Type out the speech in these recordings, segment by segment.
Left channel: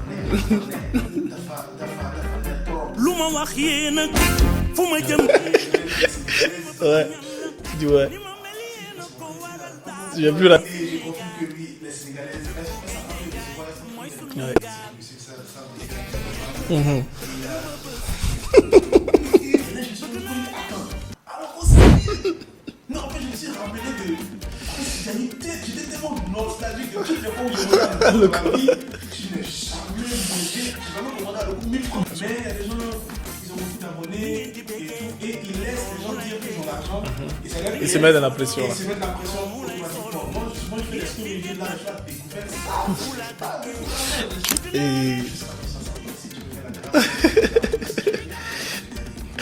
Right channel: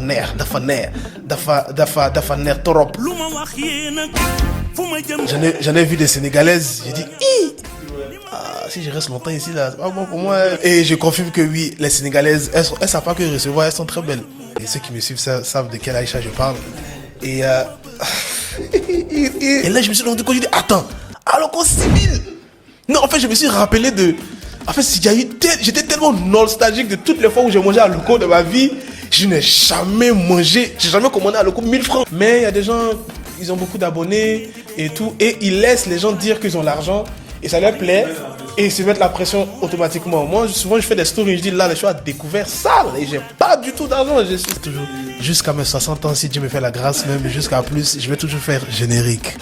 neex trop. J'en ai vu des Sénégalaises. Ouais. J'ai dit, si je reste longtemps ici, là, c'est pas bon pour moi. Et je confirme que oui, les Sénégalaises, elles savent pas que recevoir, elles sont très belles. Et ceux qui me suivent savent de quelle Aïcha je parle. Et là, je me suis rendu compte, je dis, attends, alors qu'on s'imile. Non, en fait, je me suis rappelé de... En fait, j'étais tellement nostalgique de toutes les fois où j'ai mangé à Loco de ma vie. Je n'ai jamais mangé, j'ai jamais commandé à Loco 1000 francs. Mais il y a des gens, ils ont beaucoup d'abonnés et tout. Et ils laissent les gens dire qu'ils ont l'argent. Et ça leur plaît. Et ils se mettent la pression automatiquement. Moi, souvent, je fais des stories, je dis là, je suis à découvert sale. Et j'ai pas du tout d'argent. Jusqu'à mes 60 ans, si Dieu me fait la grâce, même jusqu'à plus, je vais toujours faire générique.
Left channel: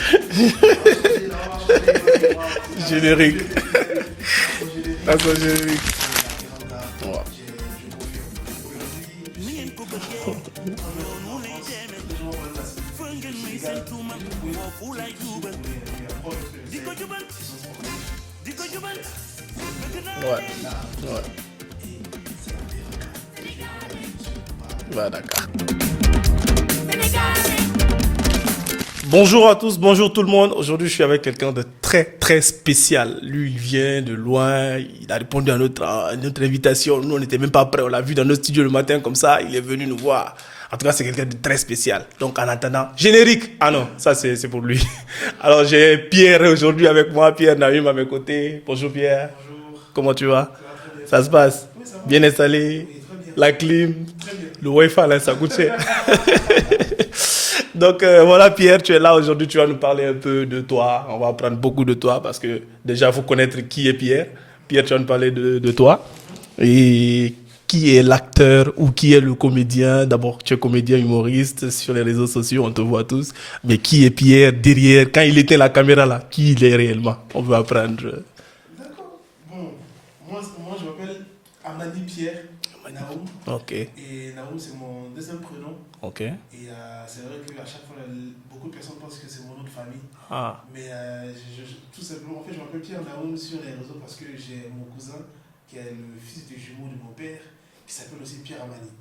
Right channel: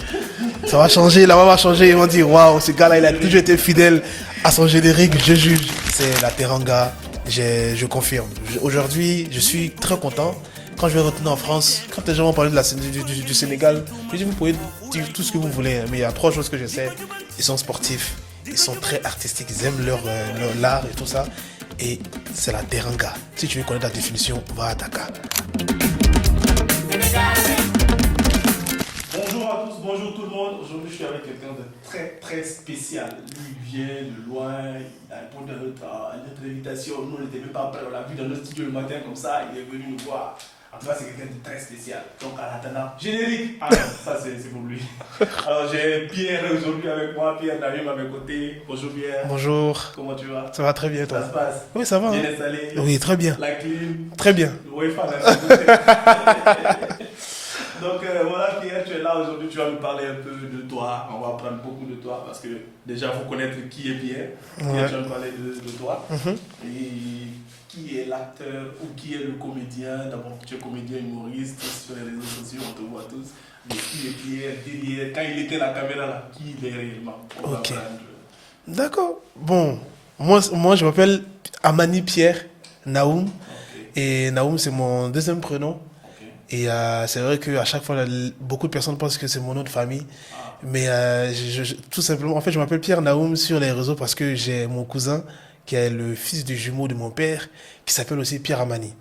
Ça va changer, la main va changer. Ils vont dire waouh, ce gars-là, il a toujours été fidèle à son générique. Je jure. C'est la Teranga. Je confirme. Aujourd'hui, je suis très content. Quand je vais retourner en France, quand les gens vont parler du Sénégal, je dis vous pouvez dire tout ce que vous voulez. Mais il y a 3 choses que je sais. Ils sont sportifs, ils sont très artistiques, ils aiment leur l'art et tout ça. Et c'est la Teranga. Si tu veux connaître la définition, va à Dakar. Bonjour à tous, bonjour tout le monde. Aujourd'hui, je suis avec quelqu'un de très très spécial. Lui, il vient de loin, il a répondu à notre invitation. Nous, on n'était même pas prêts, on l'a vu dans notre studio le matin comme ça, il est venu nous voir. En tout cas, c'est quelqu'un de très spécial. Donc, en attendant, générique. Ah non, ça c'est pour lui. Alors, j'ai Pierre aujourd'hui avec moi, Pierre Naïm à mes côtés. Bonjour Pierre. Bonjour. Comment tu vas? Ça va très bien. Ça se passe? Oui, ça va. Bien installé? Oui, très bien. La clim? Très bien. Le Wi-Fi, là, ça coûte cher. Donc, voilà Pierre, tu es là aujourd'hui, tu vas nous parler un peu de toi. On va apprendre beaucoup de toi parce que déjà, il faut connaître qui est Pierre. Pierre, tu vas nous parler de toi. Et qui est l'acteur ou qui est le comédien? D'abord, tu es comédien humoriste sur les réseaux sociaux, on te voit tous. Mais qui est Pierre derrière? Quand il éteint la caméra là, qui il est réellement? On veut apprendre. D'accord. Bon, moi je m'appelle Amani Pierre Naoum. Ok. Et Naoum, c'est mon deuxième prénom. Ok. Et c'est vrai qu'à chaque fois, beaucoup de personnes pensent que c'est mon nom de famille. Ah. Mais tout simplement, en fait, je m'appelle Pierre Naoum sur les réseaux parce que j'ai mon cousin qui est le fils du jumeau de mon père, qui s'appelle aussi Pierre Amani.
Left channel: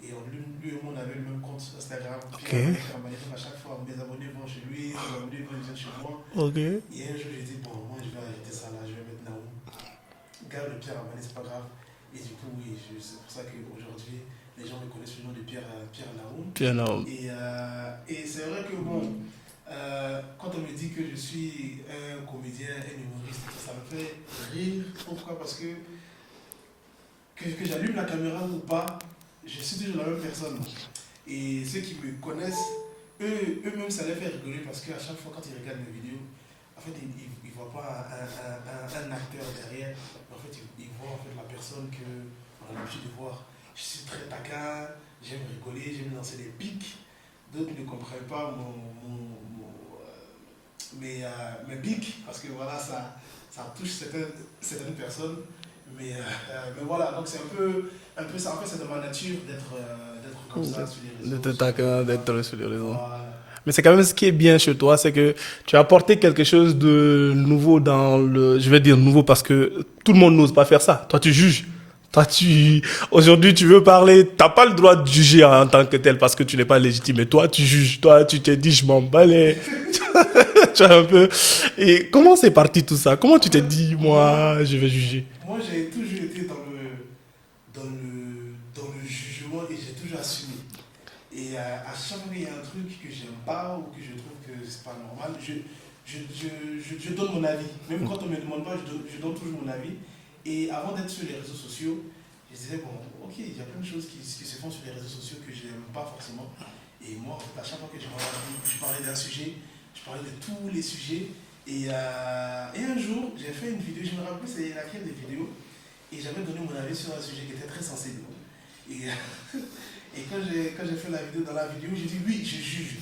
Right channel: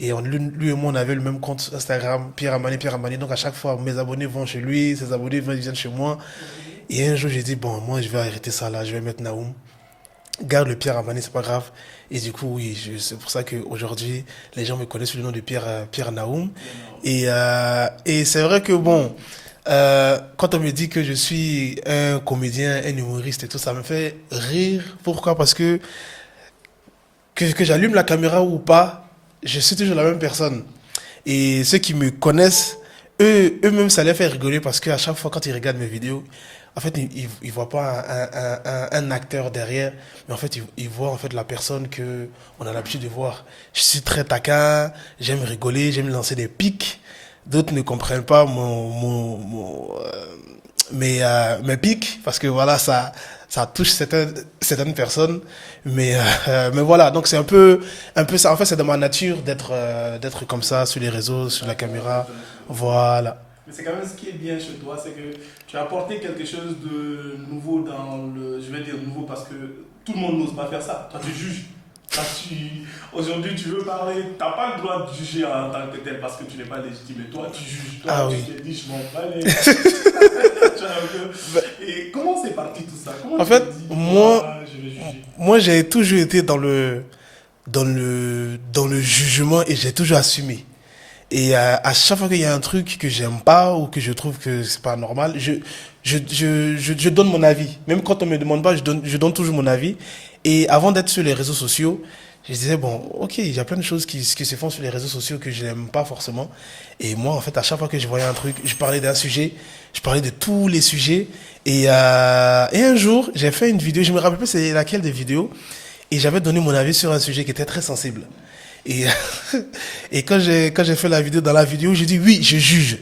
Et lui et moi, on avait le même compte Instagram, Pierre Amani, Pierre Amani. Donc à chaque fois, mes abonnés vont chez lui, ses abonnés viennent chez moi. Okay. Et un jour, j'ai dit, bon, moi, je vais arrêter ça là, je vais mettre Naoum. Garde le Pierre Amani, c'est pas grave. Et du coup, oui, c'est pour ça qu'aujourd'hui, les gens me connaissent sous le nom de Pierre Naoum. Pierre Naoum. Et c'est vrai que, bon, quand on me dit que je suis un comédien, un humoriste et tout, ça me fait rire. Pourquoi? Parce que j'allume la caméra ou pas, je suis toujours la même personne. Et ceux qui me connaissent, eux-mêmes, ça les fait rigoler parce qu'à chaque fois, quand ils regardent mes vidéos, en fait, ils ne voient pas un acteur derrière, mais en fait, ils voient en fait, la personne qu'on a l'habitude de voir. Je suis très taquin, j'aime rigoler, j'aime lancer des pics. D'autres ne comprennent pas mes pics, parce que voilà, ça touche certaines personnes. Mais voilà, donc c'est un peu ça. En fait, c'est de ma nature d'être comme ça sur les réseaux, sur la caméra. Voilà. Mais c'est quand même ce qui est bien chez toi, c'est que tu as apporté quelque chose de nouveau dans le... Je vais dire nouveau parce que tout le monde n'ose pas faire ça. Toi, tu juges. Toi, aujourd'hui, tu veux parler, tu n'as pas le droit de juger en tant que tel parce que tu n'es pas légitime. Mais toi, tu juges. Toi, tu te dis, je m'en balais. Tu vois un peu. Et comment c'est parti tout ça? Comment tu te dis, moi, je vais juger? Moi, j'ai toujours été dans le jugement et j'ai toujours assumé. Et à chaque fois qu'il y a un truc que j'aime pas ou que je trouve que c'est pas normal, je donne mon avis. Même quand on me demande pas, je donne toujours mon avis. Et avant d'être sur les réseaux sociaux, je disais, bon, ok, il y a plein de choses qui se font sur les réseaux sociaux que je n'aime pas forcément. Et moi, en fait, à chaque fois que je voyais un truc, je parlais d'un sujet, je parlais de tous les sujets. Et un jour, j'ai fait une vidéo, je me rappelle plus c'est laquelle des vidéos, et j'avais donné mon avis sur un sujet qui était très sensible. Et quand j'ai fait la vidéo, dans la vidéo, j'ai dit oui, je juge.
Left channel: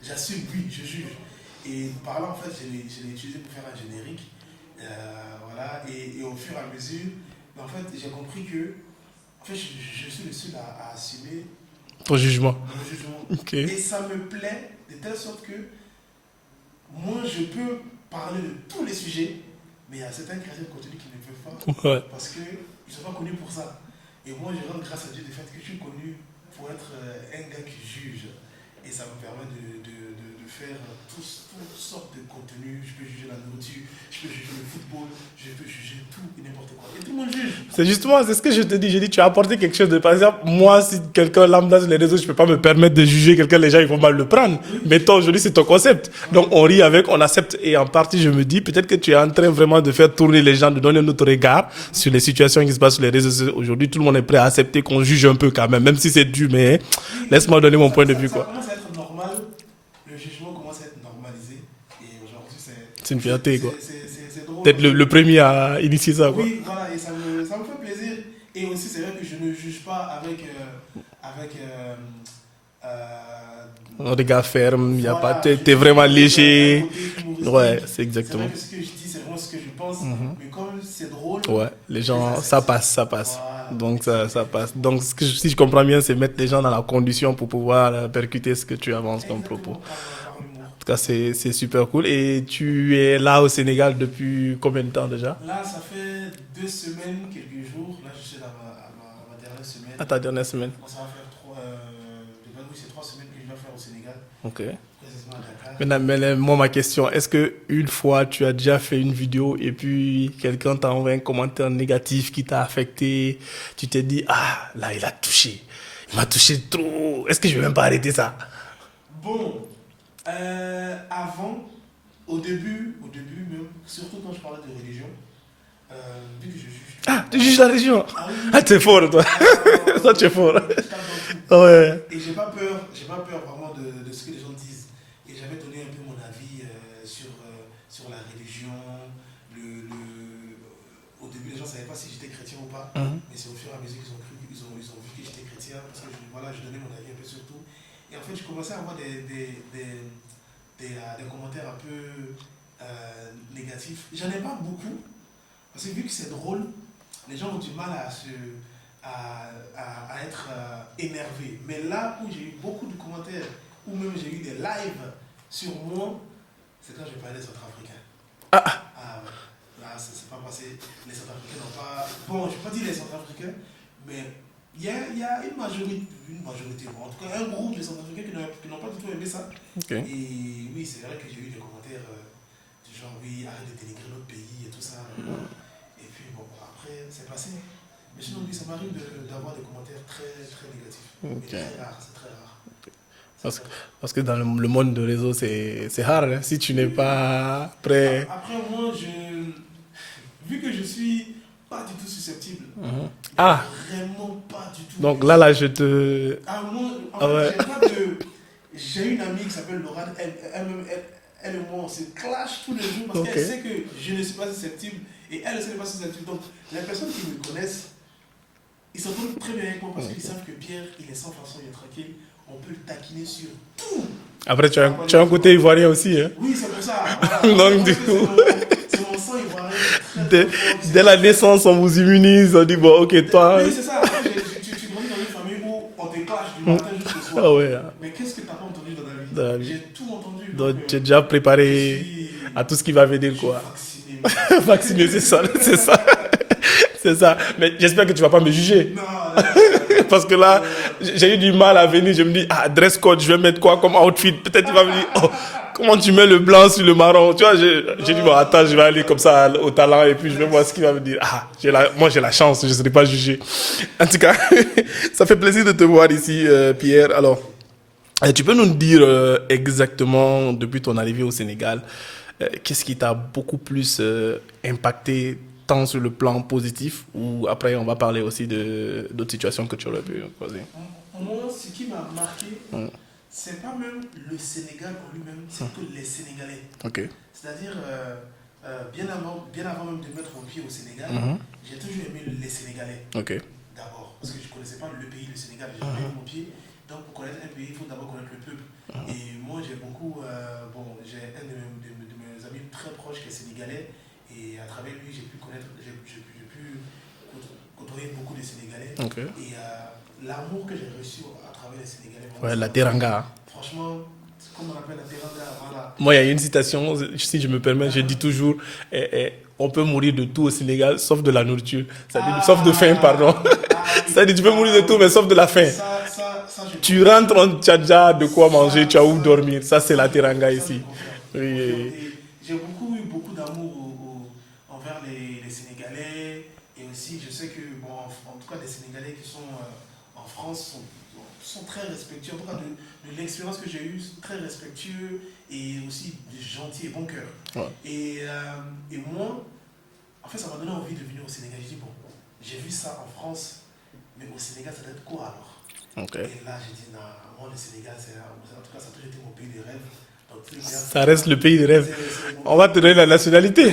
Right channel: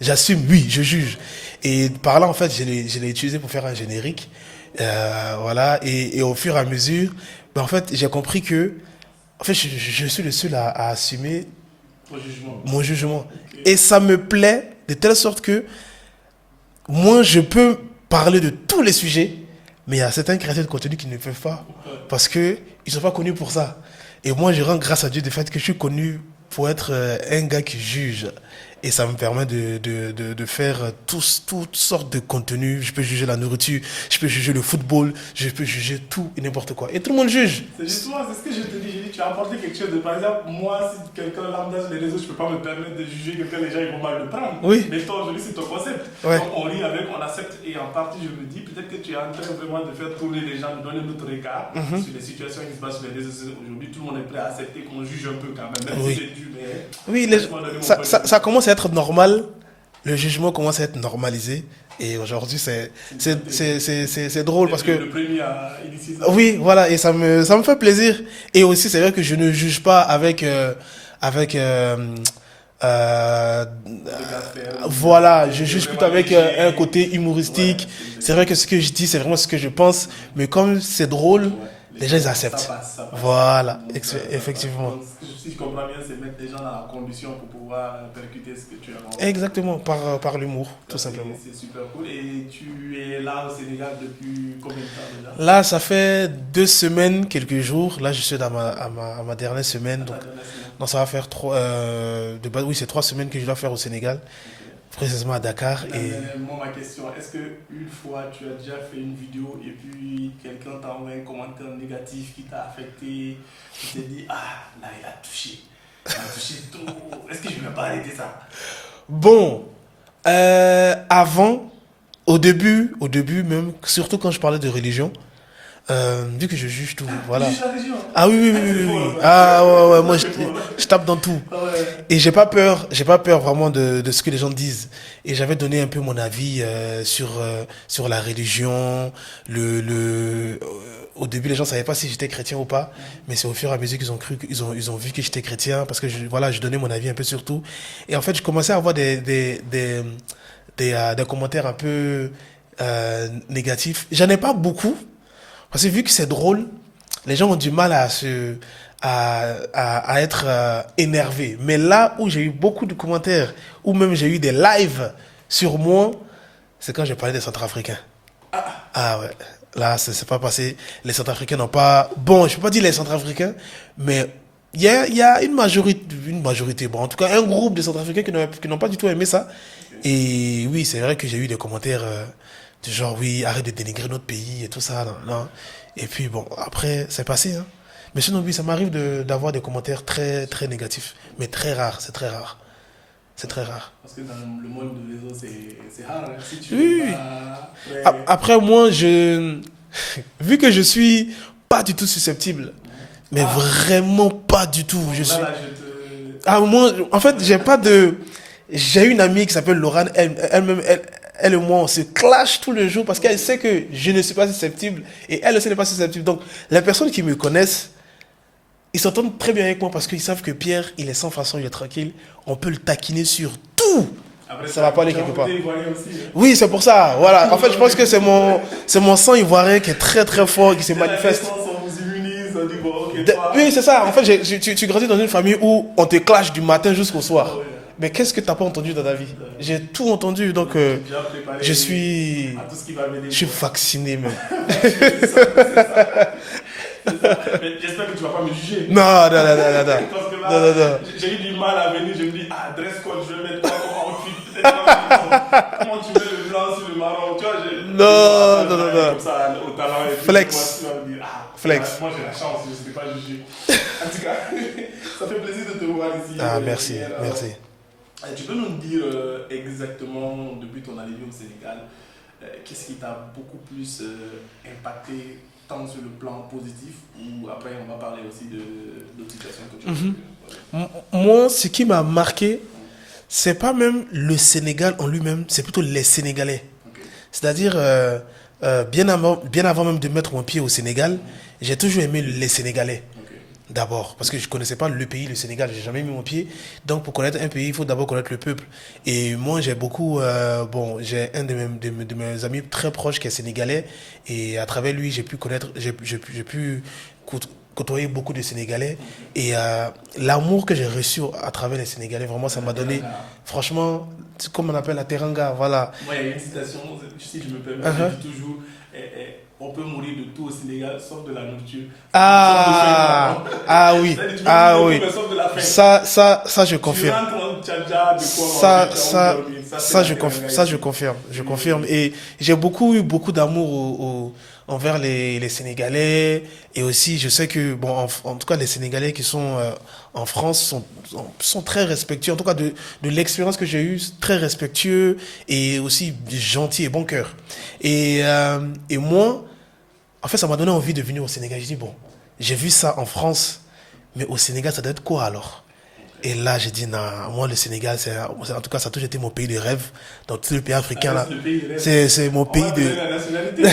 J'assume, oui, je juge. Et par là, en fait, je l'ai utilisé pour faire un générique. Voilà. Et au fur et à mesure, en fait, j'ai compris que en fait, je suis le seul à assumer ton jugement. Mon jugement. Okay. Et ça me plaît de telle sorte que moi, je peux parler de tous les sujets, mais il y a certains créateurs de contenu qui ne peuvent pas. Ouais. Parce qu'ils ne sont pas connus pour ça. Et moi, je rends grâce à Dieu du fait que je suis connu pour être un gars qui juge. Et ça me permet de faire toutes sortes de contenus. Je peux juger la nourriture, je peux juger le football, je peux juger tout et n'importe quoi. Et tout le monde juge. C'est justement, c'est ce que je te dis. J'ai dit, tu as apporté quelque chose de... Par exemple, moi, si quelqu'un lambda sur les réseaux, je ne peux pas me permettre de juger quelqu'un, les gens, ils vont mal le prendre. Oui. Mais toi, aujourd'hui, c'est ton concept. Ouais. Donc, on rit avec, on accepte. Et en partie, je me dis, peut-être que tu es en train vraiment de faire tourner les gens, de donner notre regard sur les situations qui se passent sur les réseaux sociaux. Aujourd'hui, tout le monde est prêt à accepter qu'on juge un peu quand même si c'est dur. Mais laisse-moi donner mon point de vue. Ça commence à être normal. Le jugement commence à être normalisé. Et aujourd'hui, c'est drôle. Peut-être le premier à initier ça. Oui, voilà. Et ça me fait plaisir. Et aussi, c'est vrai que je ne juge pas avec un regard ferme. Voilà, tu es vraiment léger. Un côté humoristique. Ouais, c'est vrai que ce que je dis, c'est vraiment ce que je pense. Mais comme c'est drôle, les gens acceptent. Ça passe. Voilà. Donc, ça passe. Donc, si je comprends bien, c'est mettre les gens dans la condition pour pouvoir percuter ce que tu avances. Exactement, par l'humour. En tout cas, c'est super cool. Et tu es là au Sénégal depuis combien de temps déjà? Là, ça fait 2 semaines, quelques jours. Là, je suis à ma dernière semaine. À ta dernière semaine? Non, ça va faire 3... oui, c'est 3 semaines que je dois faire au Sénégal. Ok. Précisément à Dakar. Mais moi, ma question, est-ce qu'une fois, tu as déjà fait une vidéo et puis quelqu'un t'a envoyé un commentaire négatif qui t'a affecté, tu t'es dit, ah, là, il a touché. Il m'a touché trop. Est-ce que je vais même pas arrêter ça? Bon, avant, au début même, surtout quand je parlais de religion, vu que je juge tout. Ah, voilà. tu juges la religion? Ah oui. T'es fort, toi. Ah ouais, moi fort. je tape dans tout. Ouais. Et j'ai pas peur vraiment de ce que les gens disent. Et j'avais donné un peu mon avis sur la religion, au début, les gens ne savaient pas si j'étais chrétien ou pas, mais c'est au fur et à mesure qu'ils ont cru, ils ont vu que j'étais chrétien, parce que je donnais mon avis un peu sur tout. Et en fait, je commençais à avoir des commentaires un peu négatifs. J'en ai pas beaucoup, parce que vu que c'est drôle, les gens ont du mal à être énervés. Mais là où j'ai eu beaucoup de commentaires, ou même j'ai eu des lives sur moi, c'est quand j'ai parlé des Centrafricains. Ah ouais. Là, c'est pas passé. Les Centrafricains n'ont pas... Bon, je ne peux pas dire les Centrafricains, mais il y a une majorité, bon, en tout cas un groupe de Centrafricains qui n'ont pas du tout aimé ça. Okay. Et oui, c'est vrai que j'ai eu des commentaires du genre, oui, arrête de dénigrer notre pays et tout ça. Non. Et puis bon, après, c'est passé. Hein. Mais sinon, oui, ça m'arrive d'avoir des commentaires très, très négatifs. Okay. Mais très rares, c'est très rare. C'est très rare. Parce que dans le monde de réseau, c'est rare. Hein, si tu n'es pas prêt... Après, moi, vu que je suis pas du tout susceptible, mais vraiment pas du tout. Donc là, je te... moi, en fait, j'ai une amie qui s'appelle Laurane, elle et moi, on se clash tous les jours parce qu'elle sait que je ne suis pas susceptible et elle aussi n'est pas susceptible. Donc, les personnes qui me connaissent, ils s'entendent très bien avec moi parce qu'ils savent que Pierre, il est sans façon, il est tranquille. On peut le taquiner sur tout. Après, tu as un côté ivoirien aussi. Hein? Oui, c'est pour ça. Voilà. En fait, je pense que c'est mon sang ivoirien qui est très, très fort. Dès la naissance, on vous immunise. On dit, bon, ok, toi... Oui, c'est ça. En fait, tu grandis dans une famille où on te clash du matin jusqu'au soir. Ah ouais. Mais qu'est-ce que tu n'as pas entendu dans ta vie? J'ai tout entendu. Donc, tu es déjà préparé à tout ce qui va venir. Je suis vacciné. Vacciné, c'est ça. C'est ça. Mais j'espère que tu ne vas pas me juger. Non. Parce que là, j'ai eu du mal à venir. Je me dis, dress code, je vais mettre quoi comme outfit? Peut-être tu vas me dire, comment tu mets le blanc sur le marron? Tu vois, j'ai dit, attends, je vais aller comme ça au talent et puis je vois ce qu'il va me dire. Moi, j'ai la chance, je ne serai pas jugé. En tout cas, ça fait plaisir de te voir ici, merci, Pierre. Alors, merci. Tu peux nous dire exactement, depuis ton arrivée au Sénégal, qu'est-ce qui t'a beaucoup plus impacté tant sur le plan positif ou après on va parler aussi d'autres situations que tu aurais pu poser. Moi, ce qui m'a marqué, c'est pas même le Sénégal en lui-même, c'est plutôt les Sénégalais. Okay. C'est-à-dire, bien avant même de mettre mon pied au Sénégal, j'ai toujours aimé les Sénégalais. Okay. D'abord, parce que je ne connaissais pas le pays, le Sénégal, je n'ai jamais mis mon pied. Donc, pour connaître un pays, il faut d'abord connaître le peuple. Et moi, j'ai beaucoup... j'ai un de mes amis très proches qui est sénégalais. Et à travers lui, j'ai pu connaître... J'ai pu côtoyé beaucoup de Sénégalais. Ok. Et l'amour que j'ai reçu à travers les Sénégalais, vraiment, ça la m'a donné. teranga. Franchement, c'est comme on appelle la teranga, voilà. Moi, il y a une citation, si je me permets, je dis toujours on peut mourir de tout au Sénégal, sauf de la nourriture. Sauf de faim, pardon. Ah oui. C'est-à-dire, tu peux mourir de tout, mais sauf de la faim. Ça, je confirme. Tu rentres, tu as déjà de quoi manger, tu as où dormir. Ça, c'est la teranga ici. Ça, je confirme. Je confirme. Et j'ai eu beaucoup d'amour envers les Sénégalais. Et aussi, je sais que, bon, en tout cas, les Sénégalais qui sont en France sont très respectueux. En tout cas, de l'expérience que j'ai eue, très respectueux et aussi gentils et bon cœur. Ouais. Et moi, en fait, ça m'a donné envie de venir au Sénégal. J'ai dit, bon, j'ai vu ça en France, mais au Sénégal, ça doit être quoi alors? Okay. Et là, j'ai dit, non, moi, le Sénégal, en tout cas, ça a toujours été mon pays de rêve. Dans tous les pays africains. Ça reste le pays de rêve. C'est mon pays. On va te donner la nationalité.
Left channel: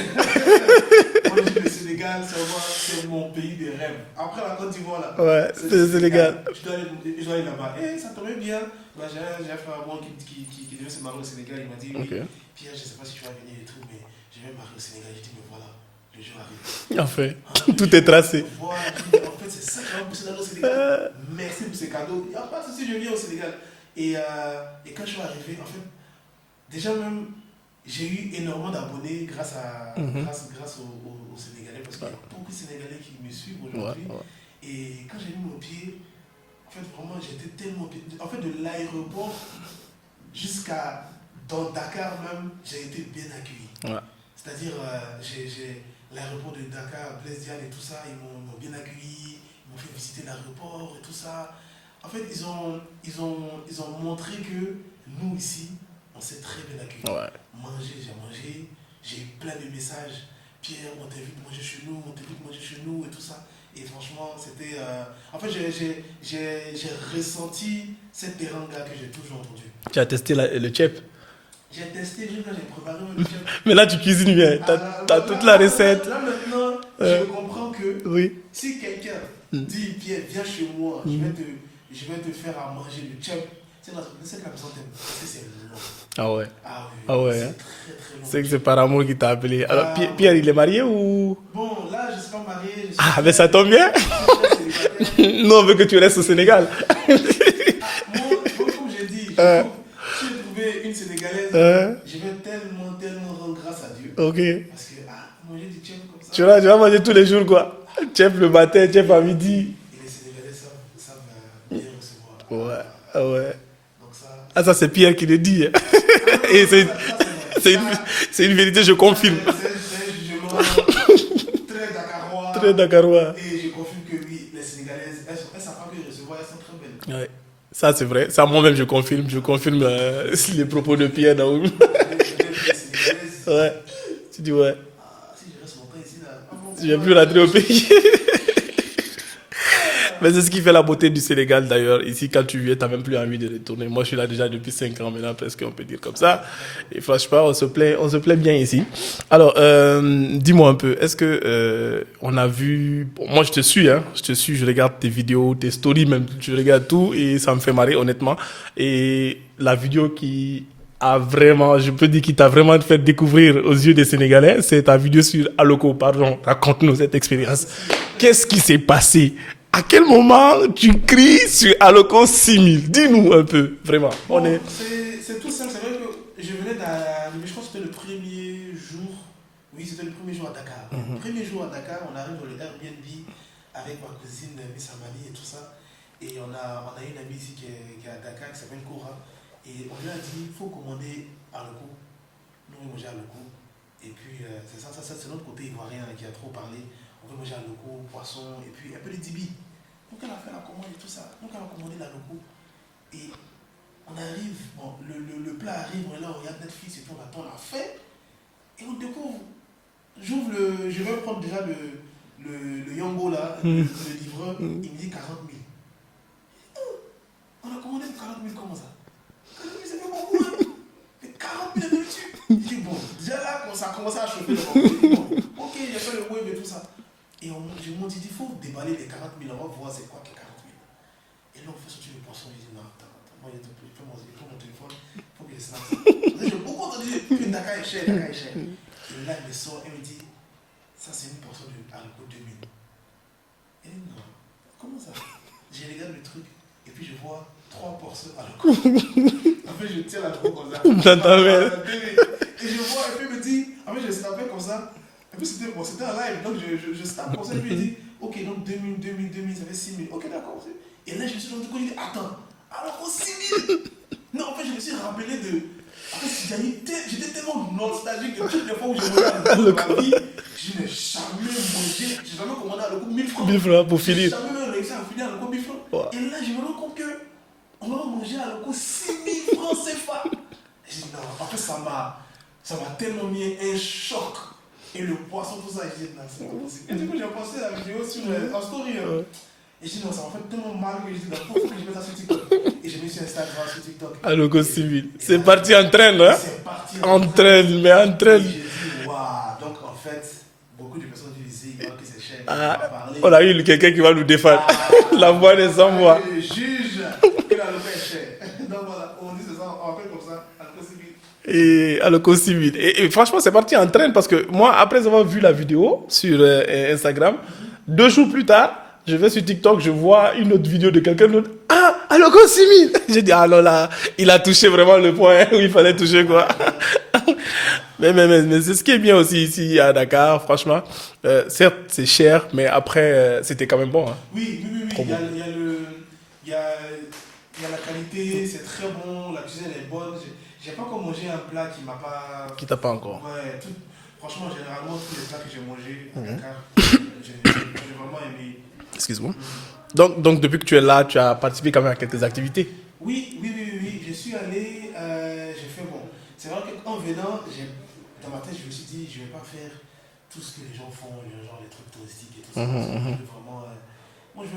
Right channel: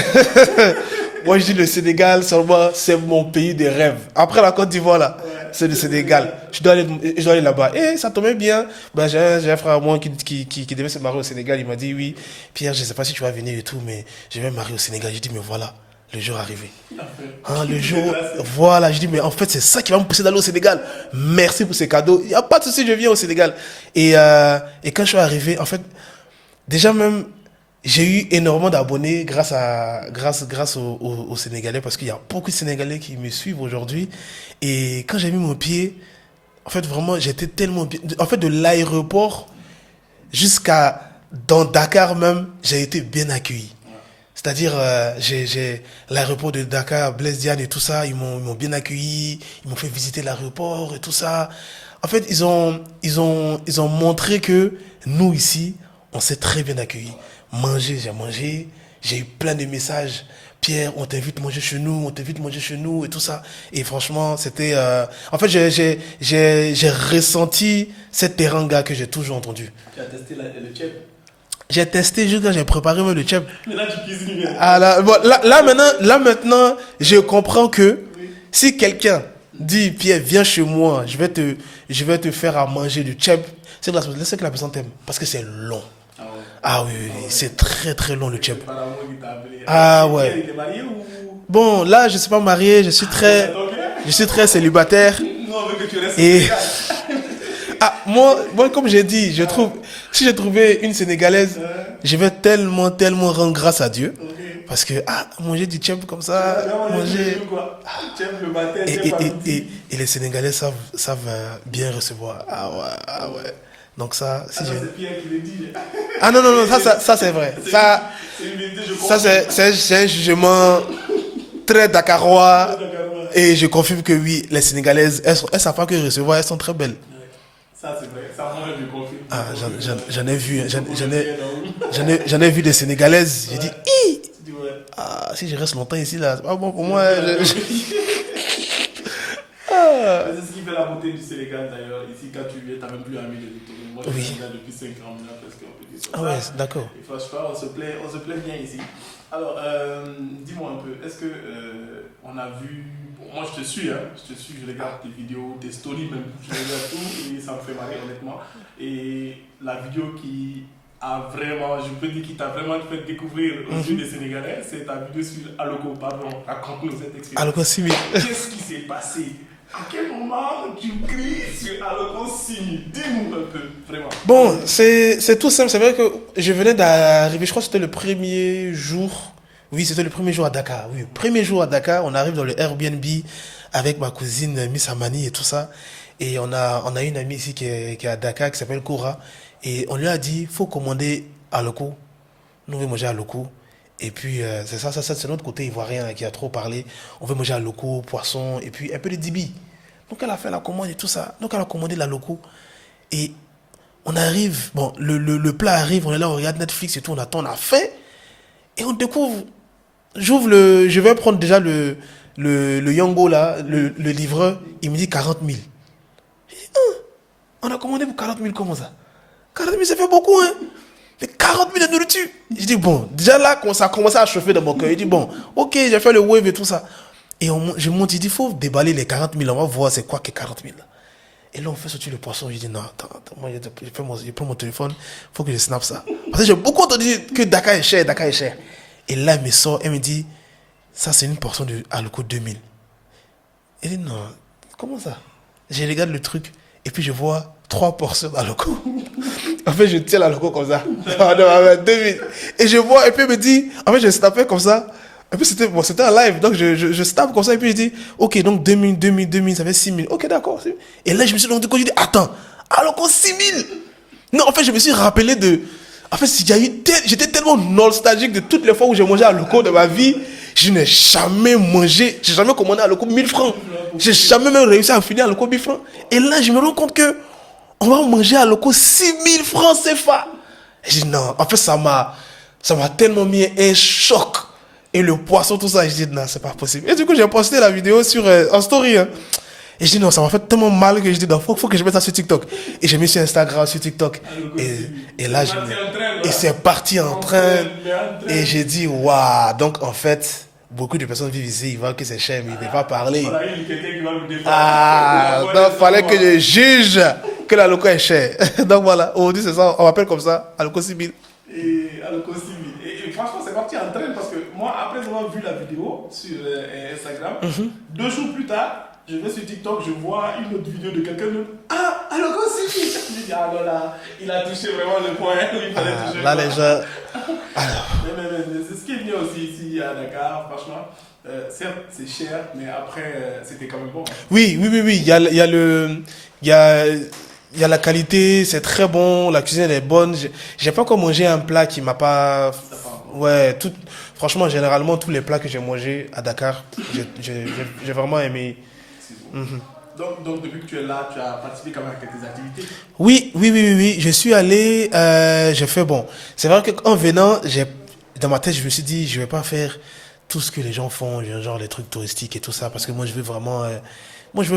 Moi, je dis le Sénégal, c'est mon pays de rêve. Après la Côte d'Ivoire, là, ouais, c'est le Sénégal. Je dois aller là-bas. Et ça tombait bien. Ben, j'ai un frère à moi qui devait se marier au Sénégal. Il m'a dit, oui, Pierre, je ne sais pas si tu vas venir et tout, mais je vais me marier au Sénégal. J'ai dit, mais voilà. Le jour arrivé. En fait, tout est tracé. Voilà, je dis, mais en fait, c'est ça qui va me pousser d'aller au Sénégal. Merci pour ces cadeaux. Il n'y a pas de souci, je viens au Sénégal. Et quand je suis arrivé, en fait, déjà même, j'ai eu énormément d'abonnés grâce aux Sénégalais, parce qu'il y a beaucoup de Sénégalais qui me suivent aujourd'hui. Ouais. Et quand j'ai mis mon pied, en fait, vraiment, j'étais tellement bien. En fait, de l'aéroport jusqu'à dans Dakar même, j'ai été bien accueilli. Ouais. C'est-à-dire, j'ai l'aéroport de Dakar, Blaise Diagne et tout ça, ils m'ont bien accueilli, ils m'ont fait visiter l'aéroport et tout ça. En fait, ils ont montré que nous, ici, on s'est très bien accueillis. Ouais. J'ai mangé, j'ai eu plein de messages. Pierre, on t'invite à manger chez nous et tout ça. Et franchement, c'était... En fait, j'ai ressenti cette teranga que j'ai toujours entendue. Tu as testé le tchèp? J'ai testé, j'ai préparé même le tchèp. Mais là, tu cuisines bien. Ah, là, maintenant, je comprends que si quelqu'un dit, Pierre, viens chez moi, je vais te faire à manger du tchèp, c'est que la personne t'aime. Parce que c'est long. Ah ouais. Ah oui, c'est très très long le tchèp. C'est par amour qu'il t'a appelé. Pierre, il est marié ou... Bon, là, je ne suis pas marié, je suis très... Ça tombe bien. Je suis très célibataire. Nous, on veut que tu restes au Sénégal. Moi, comme j'ai dit, si j'ai trouvé une Sénégalaise, je vais tellement rendre grâce à Dieu. Okay. Parce que, manger du tchèp comme ça... Tu vas manger tous les jours, quoi. Tchèp le matin, tchèp à midi. Et les Sénégalais savent bien recevoir. Ah ouais. Donc ça... ça, c'est Pierre qui le dit. Ah non, ça c'est vrai. C'est une vérité, je confirme. C'est un jugement... Très dakarois. Et je confirme que oui, les Sénégalaises, elles savent pas que recevoir, elles sont très belles. Ouais. Ça, c'est vrai. Ça, moi-même, je confirme. J'en ai vu des Sénégalaises. Ouais. J'ai dit, tu dis, ouais. Si je reste longtemps ici, là, bon, pour moi. Mais c'est ce qui fait la beauté du Sénégal, d'ailleurs. Ici, quand tu viens, tu n'as même plus envie de retourner. Moi, je suis là déjà depuis 5 ans maintenant, presque, on peut dire comme ça. Ouais, d'accord. Et franchement, on se plaît bien ici. Alors, dis-moi un peu, est-ce que on a vu... Bon, moi, je te suis, je regarde tes vidéos, tes stories même, je regarde tout et ça me fait marrer, honnêtement. Et la vidéo qui t'a vraiment fait découvrir aux yeux des Sénégalais, c'est ta vidéo sur Aloko. Pardon, raconte-nous cette expérience. Qu'est-ce qui s'est passé? À quel moment tu cries sur Aloko 6000? Dis-nous un peu, vraiment. Bon, c'est tout simple. C'est vrai que je venais d'arriver, je crois que c'était le premier jour. Oui, c'était le premier jour à Dakar. Oui, premier jour à Dakar, on arrive dans le Airbnb avec ma cousine Miss Amani et tout ça. Et on a une amie ici qui est à Dakar qui s'appelle Koura. Et on lui a dit, il faut commander Aloko. Nous, on veut manger Aloko. Et puis, c'est notre côté ivoirien qui a trop parlé. On veut manger Aloko, poisson, et puis un peu de dibi. Donc, elle a fait la commande et tout ça. Donc, elle a commandé l'Aloko. Et on arrive, bon, le plat arrive, on est là, on regarde Netflix et tout, on attend, on a faim. Et on découvre, je vais prendre déjà le Yango là, le livreur, il me dit 40 000. J'ai dit, on a commandé pour 40 000, comment ça? 40 000, ça fait beaucoup, hein? Mais 40 000 de nourriture. Je dis, bon, déjà là, ça a commencé à chauffer dans mon cœur. Je dis, bon, ok, j'ai fait le wave et tout ça. Et je monte, il dit, il faut déballer les 40 000, on va voir c'est quoi que 40 000. Et là, on fait sortir le poisson. Je dis, non, attends, moi, je prends mon téléphone, il faut que je snap ça. Parce que j'ai beaucoup entendu que Dakar est cher. Et là, elle me sort, elle me dit, ça, c'est une portion de Aloko 2000. Il dit non, comment ça? Je regarde le truc et puis je vois 3 portions d'Aloco. En fait, je tiens l'Aloco comme ça. Et je vois, et puis il me dit, en fait, je snappais comme ça. Et puis c'était un live, donc je snappe comme ça. Et puis il dit, ok, donc 2000, ça fait 6000. Ok, d'accord. Et là, je me suis rendu compte, je dis, attends, Aloco 6000. Non, en fait, je me suis rappelé de. En fait, j'étais tellement nostalgique de toutes les fois où j'ai mangé Aloco de ma vie. Je n'ai jamais j'ai jamais commandé Aloco 1000 francs. J'ai jamais même réussi à finir Aloco 1000 francs. Wow. Et là, je me rends compte que on va manger Aloco 6000 francs CFA. Et je dis non, en fait, ça m'a tellement mis un choc. Et le poisson, tout ça, je dis non, c'est pas possible. Et du coup, j'ai posté la vidéo en story. Hein. Et je dis non, ça m'a fait tellement mal que je dis non, faut que je mette ça sur TikTok. Et j'ai mis sur Instagram, sur TikTok. Aloco 6000. C'est parti en train, là. Et c'est parti en train. Et j'ai dit waouh. Donc en fait, beaucoup de personnes vivent ici, ils voient que c'est cher, mais ils ne peuvent pas parler. On a eu quelqu'un qui va nous défendre. La voix des il fallait que je juge que l'Aloco est cher. Donc voilà, aujourd'hui c'est ça, on m'appelle comme ça, Aloco 6000. Et Aloco 6000. Et franchement, c'est parti en train parce que moi, après avoir vu la vidéo sur Instagram, 2 jours plus tard, je vais sur TikTok, je vois une autre vidéo de quelqu'un d'autre. Ah, Aloco 6000. J'ai dit, ah non, là, il a touché vraiment le point où il fallait toucher. Quoi. Déjà... mais c'est ce qui est bien aussi ici à Dakar, franchement. Certes, c'est cher, mais après, c'était quand même bon. Hein. Oui. Il y a la qualité, c'est très bon, la cuisine elle est bonne. J'ai pas encore mangé un plat qui m'a pas... Qui t'a pas encore. Ouais, franchement, généralement, tous les plats que j'ai mangés à Dakar, j'ai vraiment aimé. Excuse-moi. Donc, depuis que tu es là, tu as participé quand même à quelques activités. Oui. Je suis allé, j'ai fait bon. C'est vrai qu'en venant, dans ma tête, je me suis dit, je vais pas faire tout ce que les gens font, genre les trucs touristiques et tout ça, parce que moi, je veux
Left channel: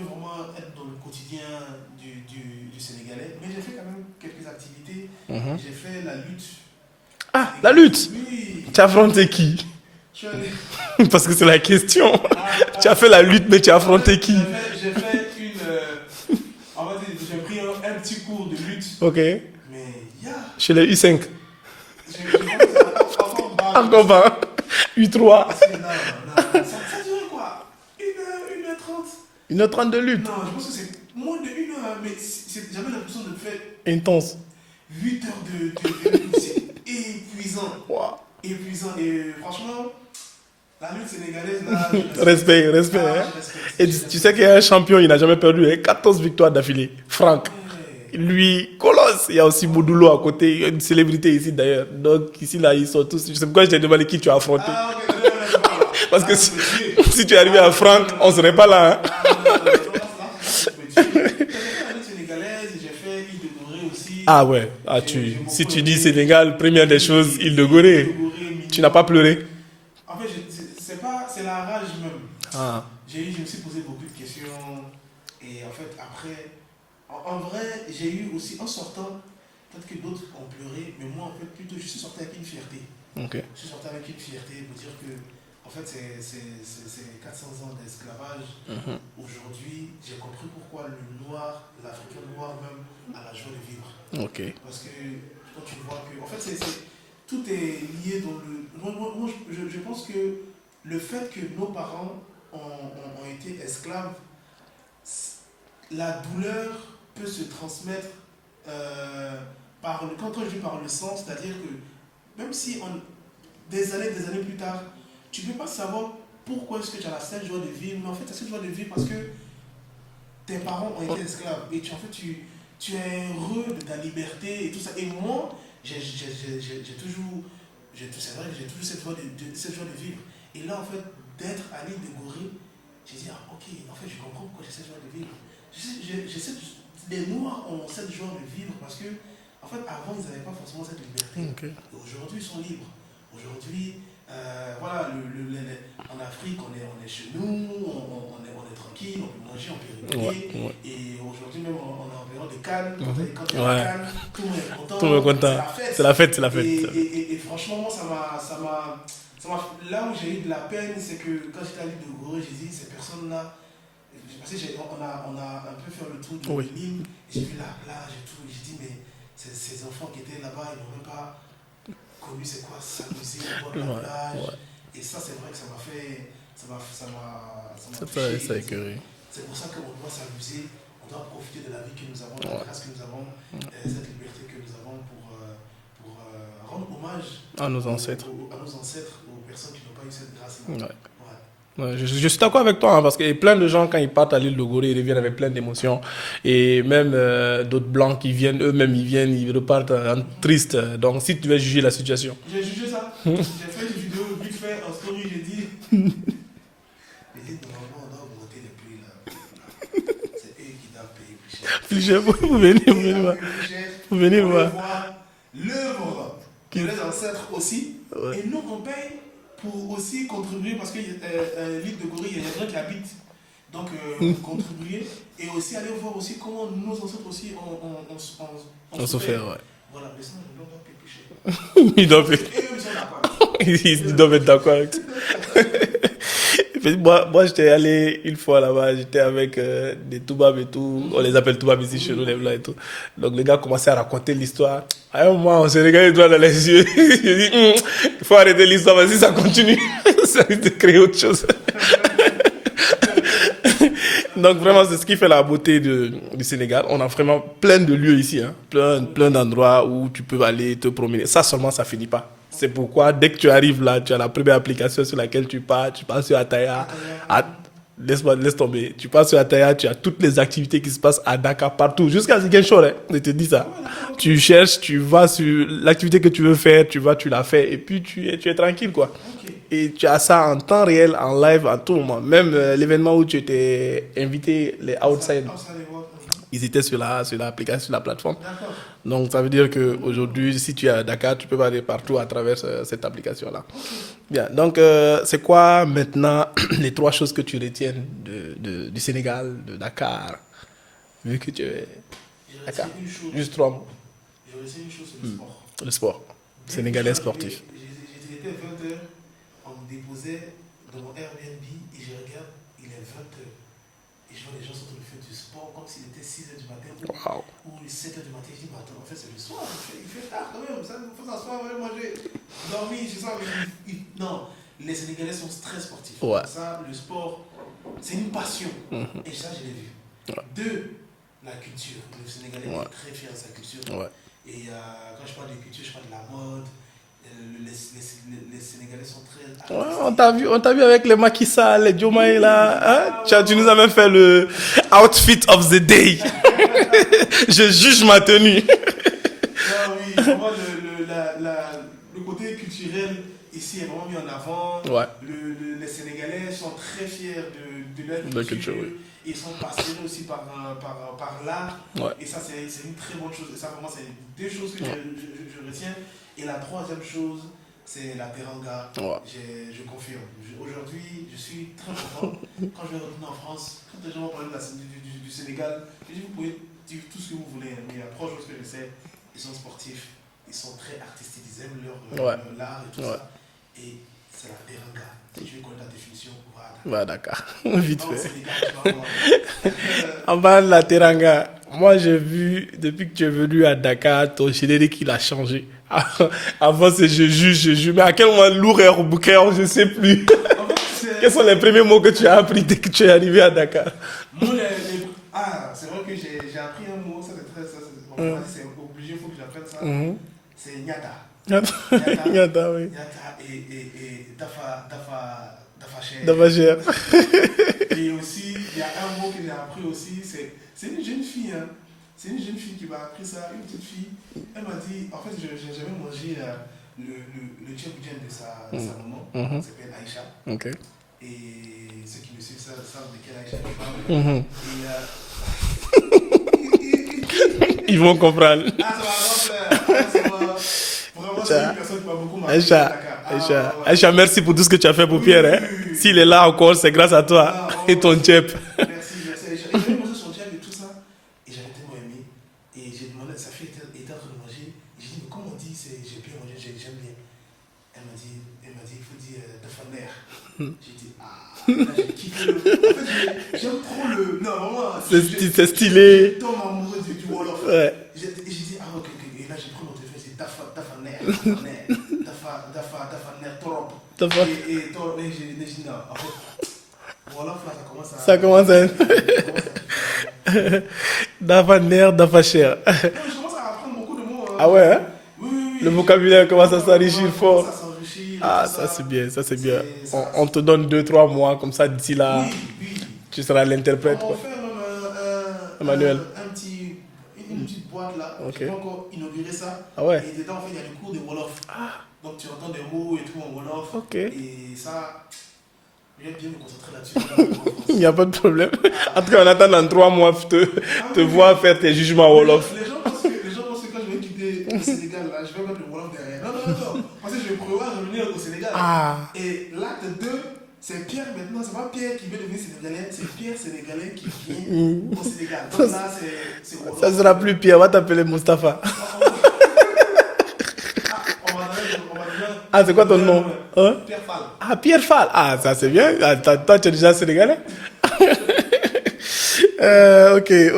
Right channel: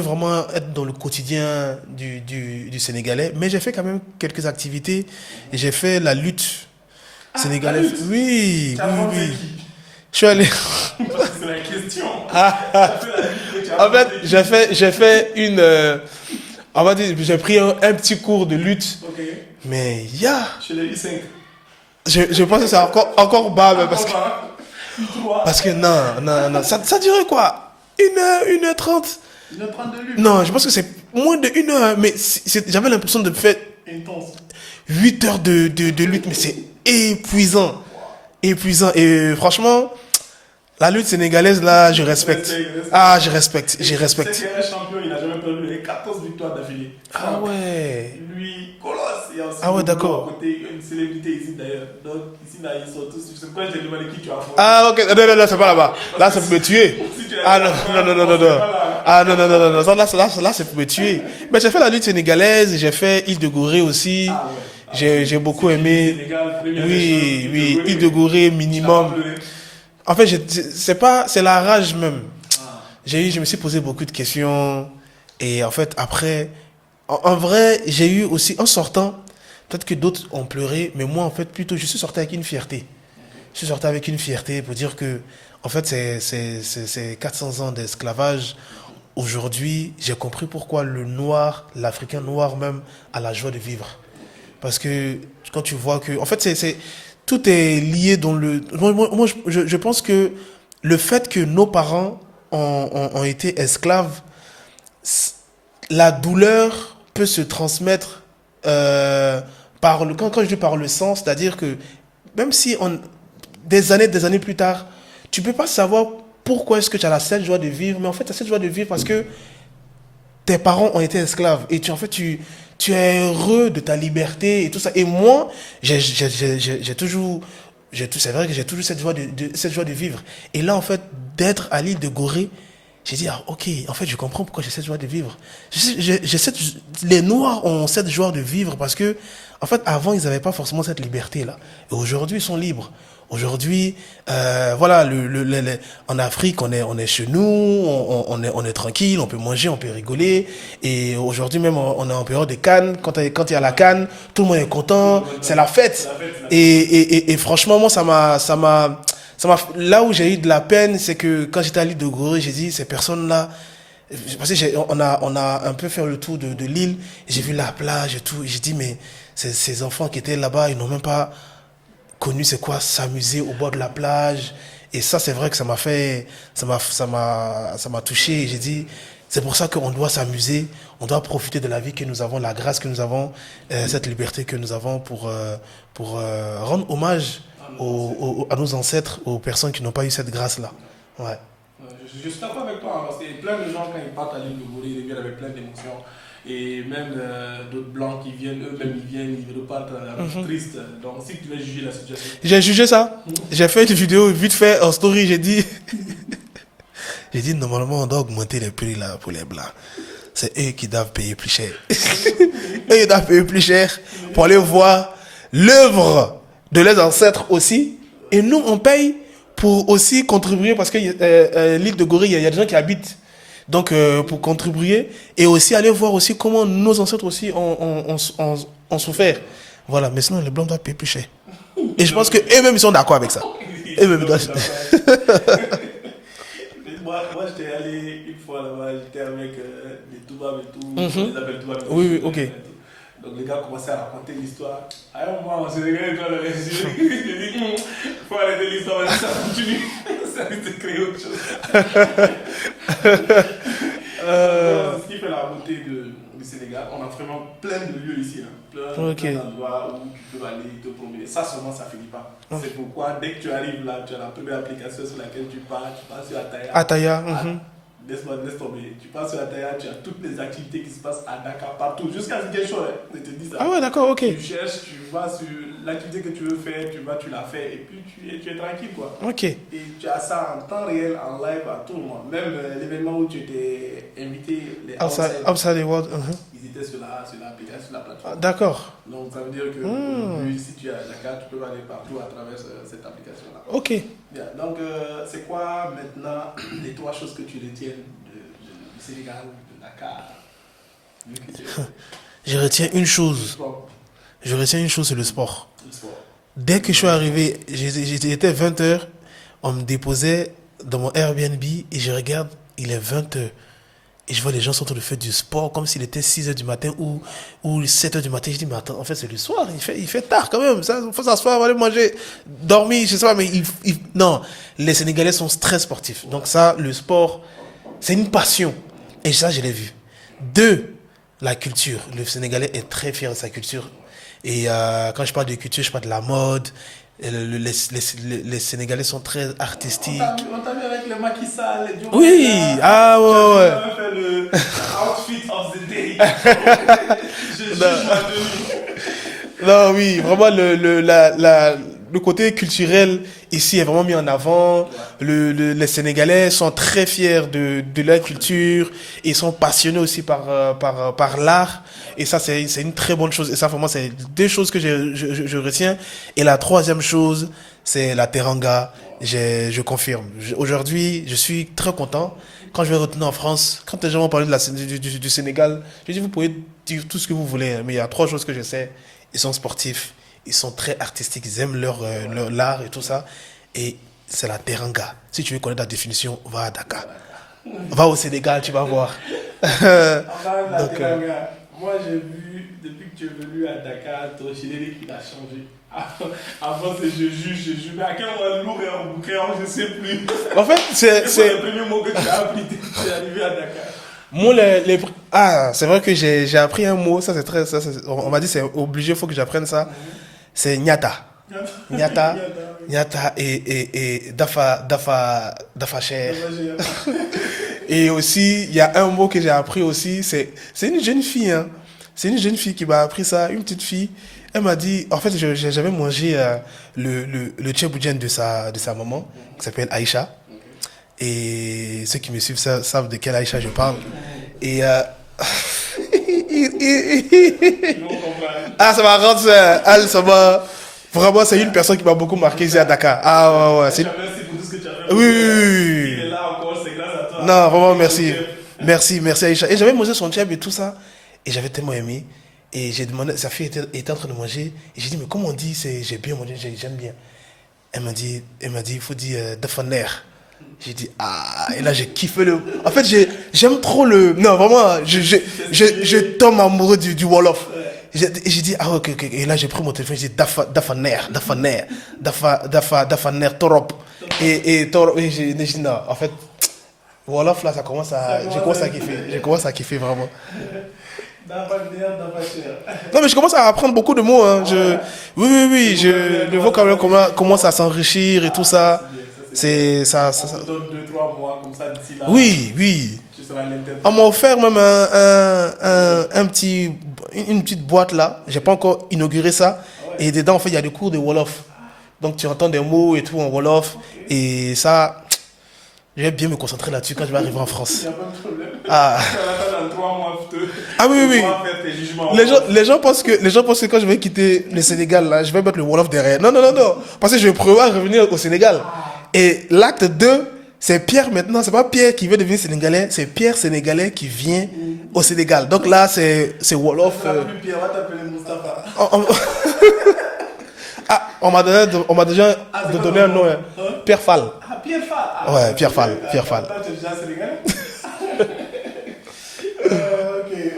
vraiment être dans le quotidien du Sénégalais. Mais j'ai fait quand même quelques activités. J'ai fait la lutte sénégalaise. La lutte? Oui. Tu as affronté qui? Je suis allé... Parce que c'est la question. Tu as fait la lutte, mais tu as affronté qui? J'ai fait une... on va dire, j'ai pris un petit cours de lutte. Ok. Mais Chez les U5. Je pense que c'est encore bas. Encore bas. U3. Parce que non. Ça durait quoi? 1h30. 1h30 de lutte? Non, je pense que c'est moins de 1h. Mais j'avais l'impression de faire intense. 8 heures de lutte, mais c'est épuisant. Wow. Épuisant. Et franchement... La lutte sénégalaise, là, je respecte. Respect. Ah, je respecte. Tu sais qu'il y a un champion, il n'a jamais perdu. Il a 14 victoires d'affilée. Franck. Ah ouais. Lui, Colosse. Il y a aussi Boudoulou à côté. Il y a une célébrité ici d'ailleurs. Donc ici, là, ils sont tous. Je sais pourquoi je t'ai demandé qui tu as affronté. Ah, ok. Non, c'est pas là-bas. Là, c'est pour me tuer. Si tu es arrivé à Franck, on ne serait pas là. Hein. Ah, non. Là, c'est pour me tuer. Mais j'ai fait la lutte sénégalaise. J'ai fait Île de Gorée aussi. Ah ouais. J'ai beaucoup aimé. Si tu dis Sénégal, première des choses, Île de Gorée. Île de Gorée, minimum. Tu n'as pas pleuré? En fait, c'est la rage même. Je me suis posé beaucoup de questions. Et en fait, après, en vrai, j'ai eu aussi, en sortant, peut-être que d'autres ont pleuré, mais moi, en fait, plutôt, je suis sorti avec une fierté. Okay. Je suis sorti avec une fierté pour dire que, en fait, c'est 400 ans d'esclavage. Aujourd'hui, j'ai compris pourquoi le noir, l'Africain noir même, a la joie de vivre. Okay. Parce que quand tu vois que, en fait, tout est lié dans le... Moi, je pense que le fait que nos parents ont été esclaves, la douleur peut se transmettre quand je dis par le sang, c'est-à-dire que même si des années plus tard, tu ne peux pas savoir pourquoi est-ce que tu as cette joie de vivre, mais en fait, tu as cette joie de vivre parce que tes parents ont été esclaves et tu es heureux de ta liberté et tout ça. Et moi, c'est vrai que j'ai toujours cette joie de vivre. Et là, en fait, d'être à l'île de Gorée, j'ai dit, ok, en fait, je comprends pourquoi j'ai cette joie de vivre. Les Noirs ont cette joie de vivre parce que, en fait, avant, ils n'avaient pas forcément cette liberté-là. Okay. Et aujourd'hui, ils sont libres. Aujourd'hui, voilà, en Afrique, on est chez nous, on est tranquille, on peut manger, on peut rigoler. Ouais. Et aujourd'hui même, on est en période de Cannes. Quand il y a la Cannes, tout le monde est content. C'est la fête. C'est la fête. Et franchement, moi, ça m'a là où j'ai eu de la peine, c'est que quand j'étais à l'île de Gorée, j'ai dit, ces personnes-là, parce que on a un peu fait le tour de l'île, j'ai vu la plage et tout, et j'ai dit, mais ces enfants qui étaient là-bas, ils n'ont même pas connu c'est quoi s'amuser au bord de la plage. Et ça, c'est vrai que ça m'a touché. J'ai dit, C'est pour ça qu'on doit s'amuser, on doit profiter de la vie que nous avons, la grâce que nous avons, cette liberté que nous avons pour rendre hommage à nos ancêtres, aux personnes qui n'ont pas eu cette grâce-là. Ouais. Ouais, je suis d'accord avec toi, hein, parce qu'il y a plein de gens, quand ils partent à l'île de Gorée, ils reviennent avec plein d'émotions. Et même d'autres blancs qui viennent, eux-mêmes, ils repartent tristes. Donc, si tu veux juger la situation. J'ai jugé ça. J'ai fait une vidéo vite fait en story, j'ai dit... J'ai dit, normalement, on doit augmenter les prix là pour les blancs. C'est eux qui doivent payer plus cher. Eux, ils doivent payer plus cher pour aller voir l'œuvre de leurs ancêtres aussi. Ouais. Et nous, on paye pour aussi contribuer, parce que l'île de Gorée, il y a des gens qui habitent. Donc, pour contribuer et aussi aller voir aussi comment nos ancêtres aussi ont souffert. Ouais. Voilà, mais sinon, les blancs doivent payer plus cher. Et je pense qu'eux-mêmes, ils sont d'accord avec ça. Ils doivent être d'accord avec ça. Moi, j'étais allé une fois là-bas, j'étais avec des Toubabs et tout. On les appelle Toubabs ici, chez les Blancs et tout. Donc, les gars commençaient à raconter l'histoire. À un moment, on s'est regardé les doigts dans les yeux. J'ai dit, il faut arrêter l'histoire, vas-y, ça continue. Ça risque de créer autre chose. Donc, vraiment, c'est ce qui fait la beauté du Sénégal. On a vraiment plein de lieux ici, hein. Plein d'endroits où tu peux aller te promener. Ça seulement, ça finit pas. C'est pourquoi, dès que tu arrives là, tu as la première application sur laquelle tu pars sur Attaya. Attaya. Laisse tomber. Tu passes sur Attaya, tu as toutes les activités qui se passent à Dakar, partout, jusqu'à Ziguinchor, hein. Je te dis ça. Ah ouais, d'accord, ok. Tu cherches, tu vas sur l'activité que tu veux faire, tu la fais, et puis tu es tranquille, quoi. Ok. Et tu as ça en temps réel, en live, à tout moment. Même l'événement où tu étais invité, les Outside World. Ils étaient sur l'application, sur la plateforme. D'accord. Donc, ça veut dire qu'aujourd'hui, si tu es à Dakar, tu peux aller partout à travers cette application-là. Ok. Bien. Donc, c'est quoi maintenant les 3 choses que tu retiens du Sénégal, de Dakar, vu que tu... Je retiens une chose. C'est le sport. Le sport. Dès que je suis arrivé, j'étais 20h, on me déposait dans mon Airbnb et je regarde, il est 20h. Et je vois les gens sont en train de faire du sport comme s'il était 6h du matin ou 7h du matin. Je dis, mais attends, en fait, c'est le soir, il fait tard quand même. Il faut s'asseoir, aller manger, dormir, je sais pas, mais non, les Sénégalais sont très sportifs. Ouais. Donc ça, le sport, c'est une passion. Et ça, je l'ai vu. 2, la culture. Le Sénégalais est très fier de sa culture. Ouais. Et quand je parle de culture, je parle de la mode. Les Sénégalais sont très artistiques. On t'a vu avec les Macky Sall, les Diomaye là. Tu nous as même fait le outfit of the day. Je juge ma tenue. Non, oui, vraiment le côté culturel ici est vraiment mis en avant. Ouais. Les Sénégalais sont très fiers de leur culture. Ils sont passionnés aussi par l'art. Ouais. Et ça, c'est une très bonne chose. Et ça, vraiment, c'est 2 choses que je retiens. Et la 3e chose, c'est la teranga. Ouais. Je confirme. Aujourd'hui, je suis très content. Quand je vais retourner en France, quand les gens vont parler du Sénégal, je dis, vous pouvez dire tout ce que vous voulez. Mais il y a 3 choses que je sais. Ils sont sportifs. Ils sont très artistiques, ils aiment l'art et tout ça. Et c'est la teranga. Si tu veux connaître la définition, va à Dakar. Va au Sénégal, tu vas voir. En bas de la teranga, moi j'ai vu, depuis que tu es venu à Dakar, ton générique il a changé. Avant c'est je juge, mais à quel moment lourd et bouquin, je ne sais plus. En fait, c'est les premiers mots que tu as appris dès que tu es arrivé à Dakar. Moi, c'est vrai que j'ai appris un mot, ça c'est très... on m'a dit c'est obligé, il faut que j'apprenne ça. C'est Nyata. Nyata et Dafa Cher. Et aussi, il y a un mot que j'ai appris aussi, c'est une jeune fille. Hein. C'est une jeune fille qui m'a appris ça, une petite fille. Elle m'a dit, en fait, j'avais mangé le tchèboudjen de sa maman, qui s'appelle Aïcha. Okay. Et ceux qui me suivent savent de quelle Aïcha je parle. Et ils vont comprendre. Ah, ça m'a rendu vraiment, c'est une personne qui m'a beaucoup marqué ici à Dakar. Aïcha, merci pour tout ce que tu as fait pour Pierre. Oui. S'il est là encore, c'est grâce à toi. Non, vraiment, et ton tchèp. Merci Aïcha. Et j'avais mangé son tchèp et tout ça. Et j'avais tellement aimé. Et j'ai demandé, sa fille était en train de manger. Et j'ai dit, mais comment on dit, j'ai bien mangé, j'aime bien. Elle m'a dit, il faut dire Dafaner. J'ai dit, et là j'ai kiffé le... En fait, j'aime trop le... Non, vraiment, je tombe amoureux du Wolof. Ouais. J'ai dit, ok. Et là j'ai pris mon téléphone, j'ai dit, Dafaner, Torop. Et j'ai dit, non, en fait, Wolof, là, ça commence à... Ça commence à- kiffer. Je commence à kiffer, vraiment. Dafa ner, dafa cher. Non, mais je commence à apprendre beaucoup de mots. Hein. Ah ouais, hein? Oui, oui, oui. Le vocabulaire Commence à s'enrichir et Ah, tout ça. c'est bien, ça c'est C'est- bien. ça- On te donne 2-3 mois comme ça d'ici là. Oui, oui. Tu seras l'interprète. On m'a offert même un petit, une petite boîte là. J'ai pas encore inauguré ça. Ah ouais. Et dedans, en fait, il y a des cours de Wolof. Donc, tu entends des mots et tout en Wolof. Ok. Et ça, je vais bien me concentrer là-dessus quand je vais arriver en France. Il n'y a pas de problème. Ah. Parce qu'on attend dans 3 mois pour te, Ah oui, te oui, voir faire tes jugements. Les gens, Wolof. les gens pensent que quand je vais quitter le Sénégal, là, je vais mettre le Wolof derrière. Non, non, non, non. Parce que je vais prévoir revenir au Sénégal. Ah. Et l'acte 2, c'est Pierre maintenant. C'est pas Pierre qui veut devenir Sénégalais, c'est Pierre Sénégalais qui vient au Sénégal. Donc là, c'est Wolof. Ça sera plus pire, on va t'appeler Mustapha. On m'a déjà Ah, c'est quoi ton donné un nom, hein? Pierre Fall. Ah, Pierre Fall. Ah, Ouais, ça, Pierre c'est bien. Fall, Ah, Pierre toi, Fall. toi, tu es déjà sénégalais.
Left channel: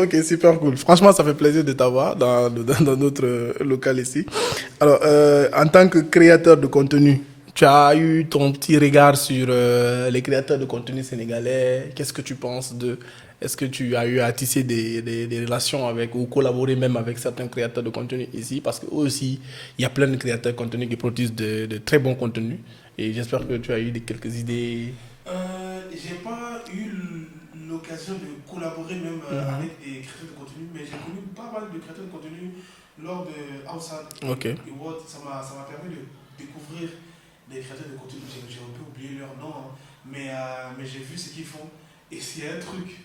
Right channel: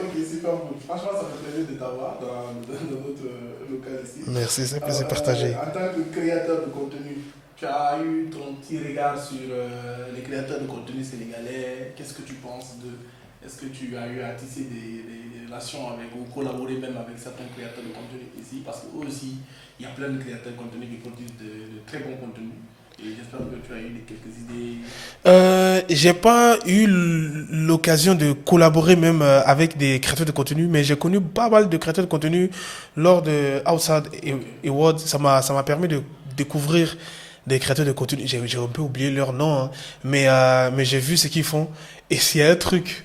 Ok, super cool. Franchement, ça fait plaisir de t'avoir dans notre local ici. Merci, c'est Alors, partagé. en tant que créateur de contenu, tu as eu ton petit regard sur les créateurs de contenu sénégalais. Qu'est-ce que tu penses de... Est-ce que tu as eu à tisser des relations avec ou collaborer même avec certains créateurs de contenu ici? Parce que aussi, il y a plein de créateurs de contenu qui produisent de très bons contenus. Et j'espère que tu as eu quelques idées. J'ai pas eu l'occasion de collaborer même avec des créateurs de contenu, mais j'ai connu pas mal de créateurs de contenu lors de Outside Ok. Awards. Ça m'a permis de découvrir des créateurs de contenu. J'ai un peu oublié leur nom, hein, mais j'ai vu ce qu'ils font. Et s'il y a un truc,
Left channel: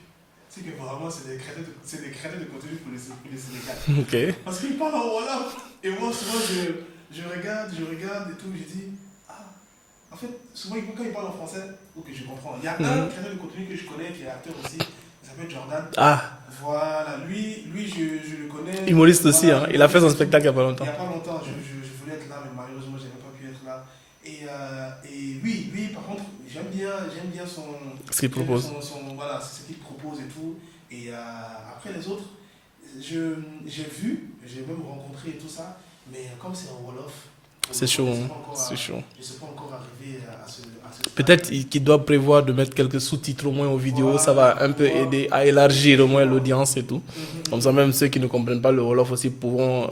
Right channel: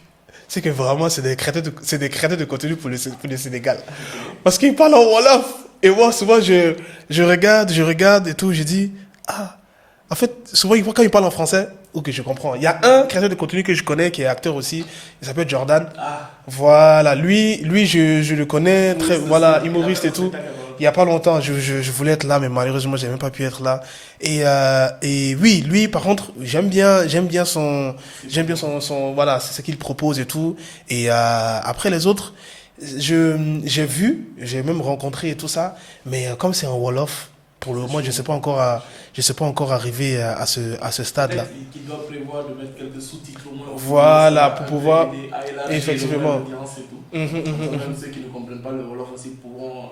c'est que vraiment, c'est des créateurs de contenu pour le Sénégal. Ok. Parce qu'ils parlent en Wolof. Et moi, souvent, je regarde et tout, je dis, ah, en fait, souvent, quand ils parlent en français, ok, je comprends. Il y a un créateur de contenu que je connais qui est acteur aussi, il s'appelle Jordan. Ah, Voilà, lui je le connais. humoriste aussi. voilà, Hein. Il a fait humoriste son et tout. spectacle il n'y a pas longtemps. Il n'y a pas longtemps, je voulais être là, mais malheureusement, je n'ai même pas pu être là. Et oui, lui, par contre, j'aime bien son, Ce qu'il j'aime bien propose. voilà, c'est ce qu'il propose et tout. Et après les autres, j'ai même rencontré et tout ça, mais comme c'est en Wolof, pour le C'est moment, chaud, c'est chaud. je sais pas encore arriver à ce stade-là. Peut-être qu'il doit prévoir de mettre quelques sous-titres au moins aux vidéos. Voilà, Ça va pour un peu pouvoir- aider à élargir au moins Effectivement. l'audience et tout. Comme ça, même ceux qui ne comprennent pas le Wolof aussi pourront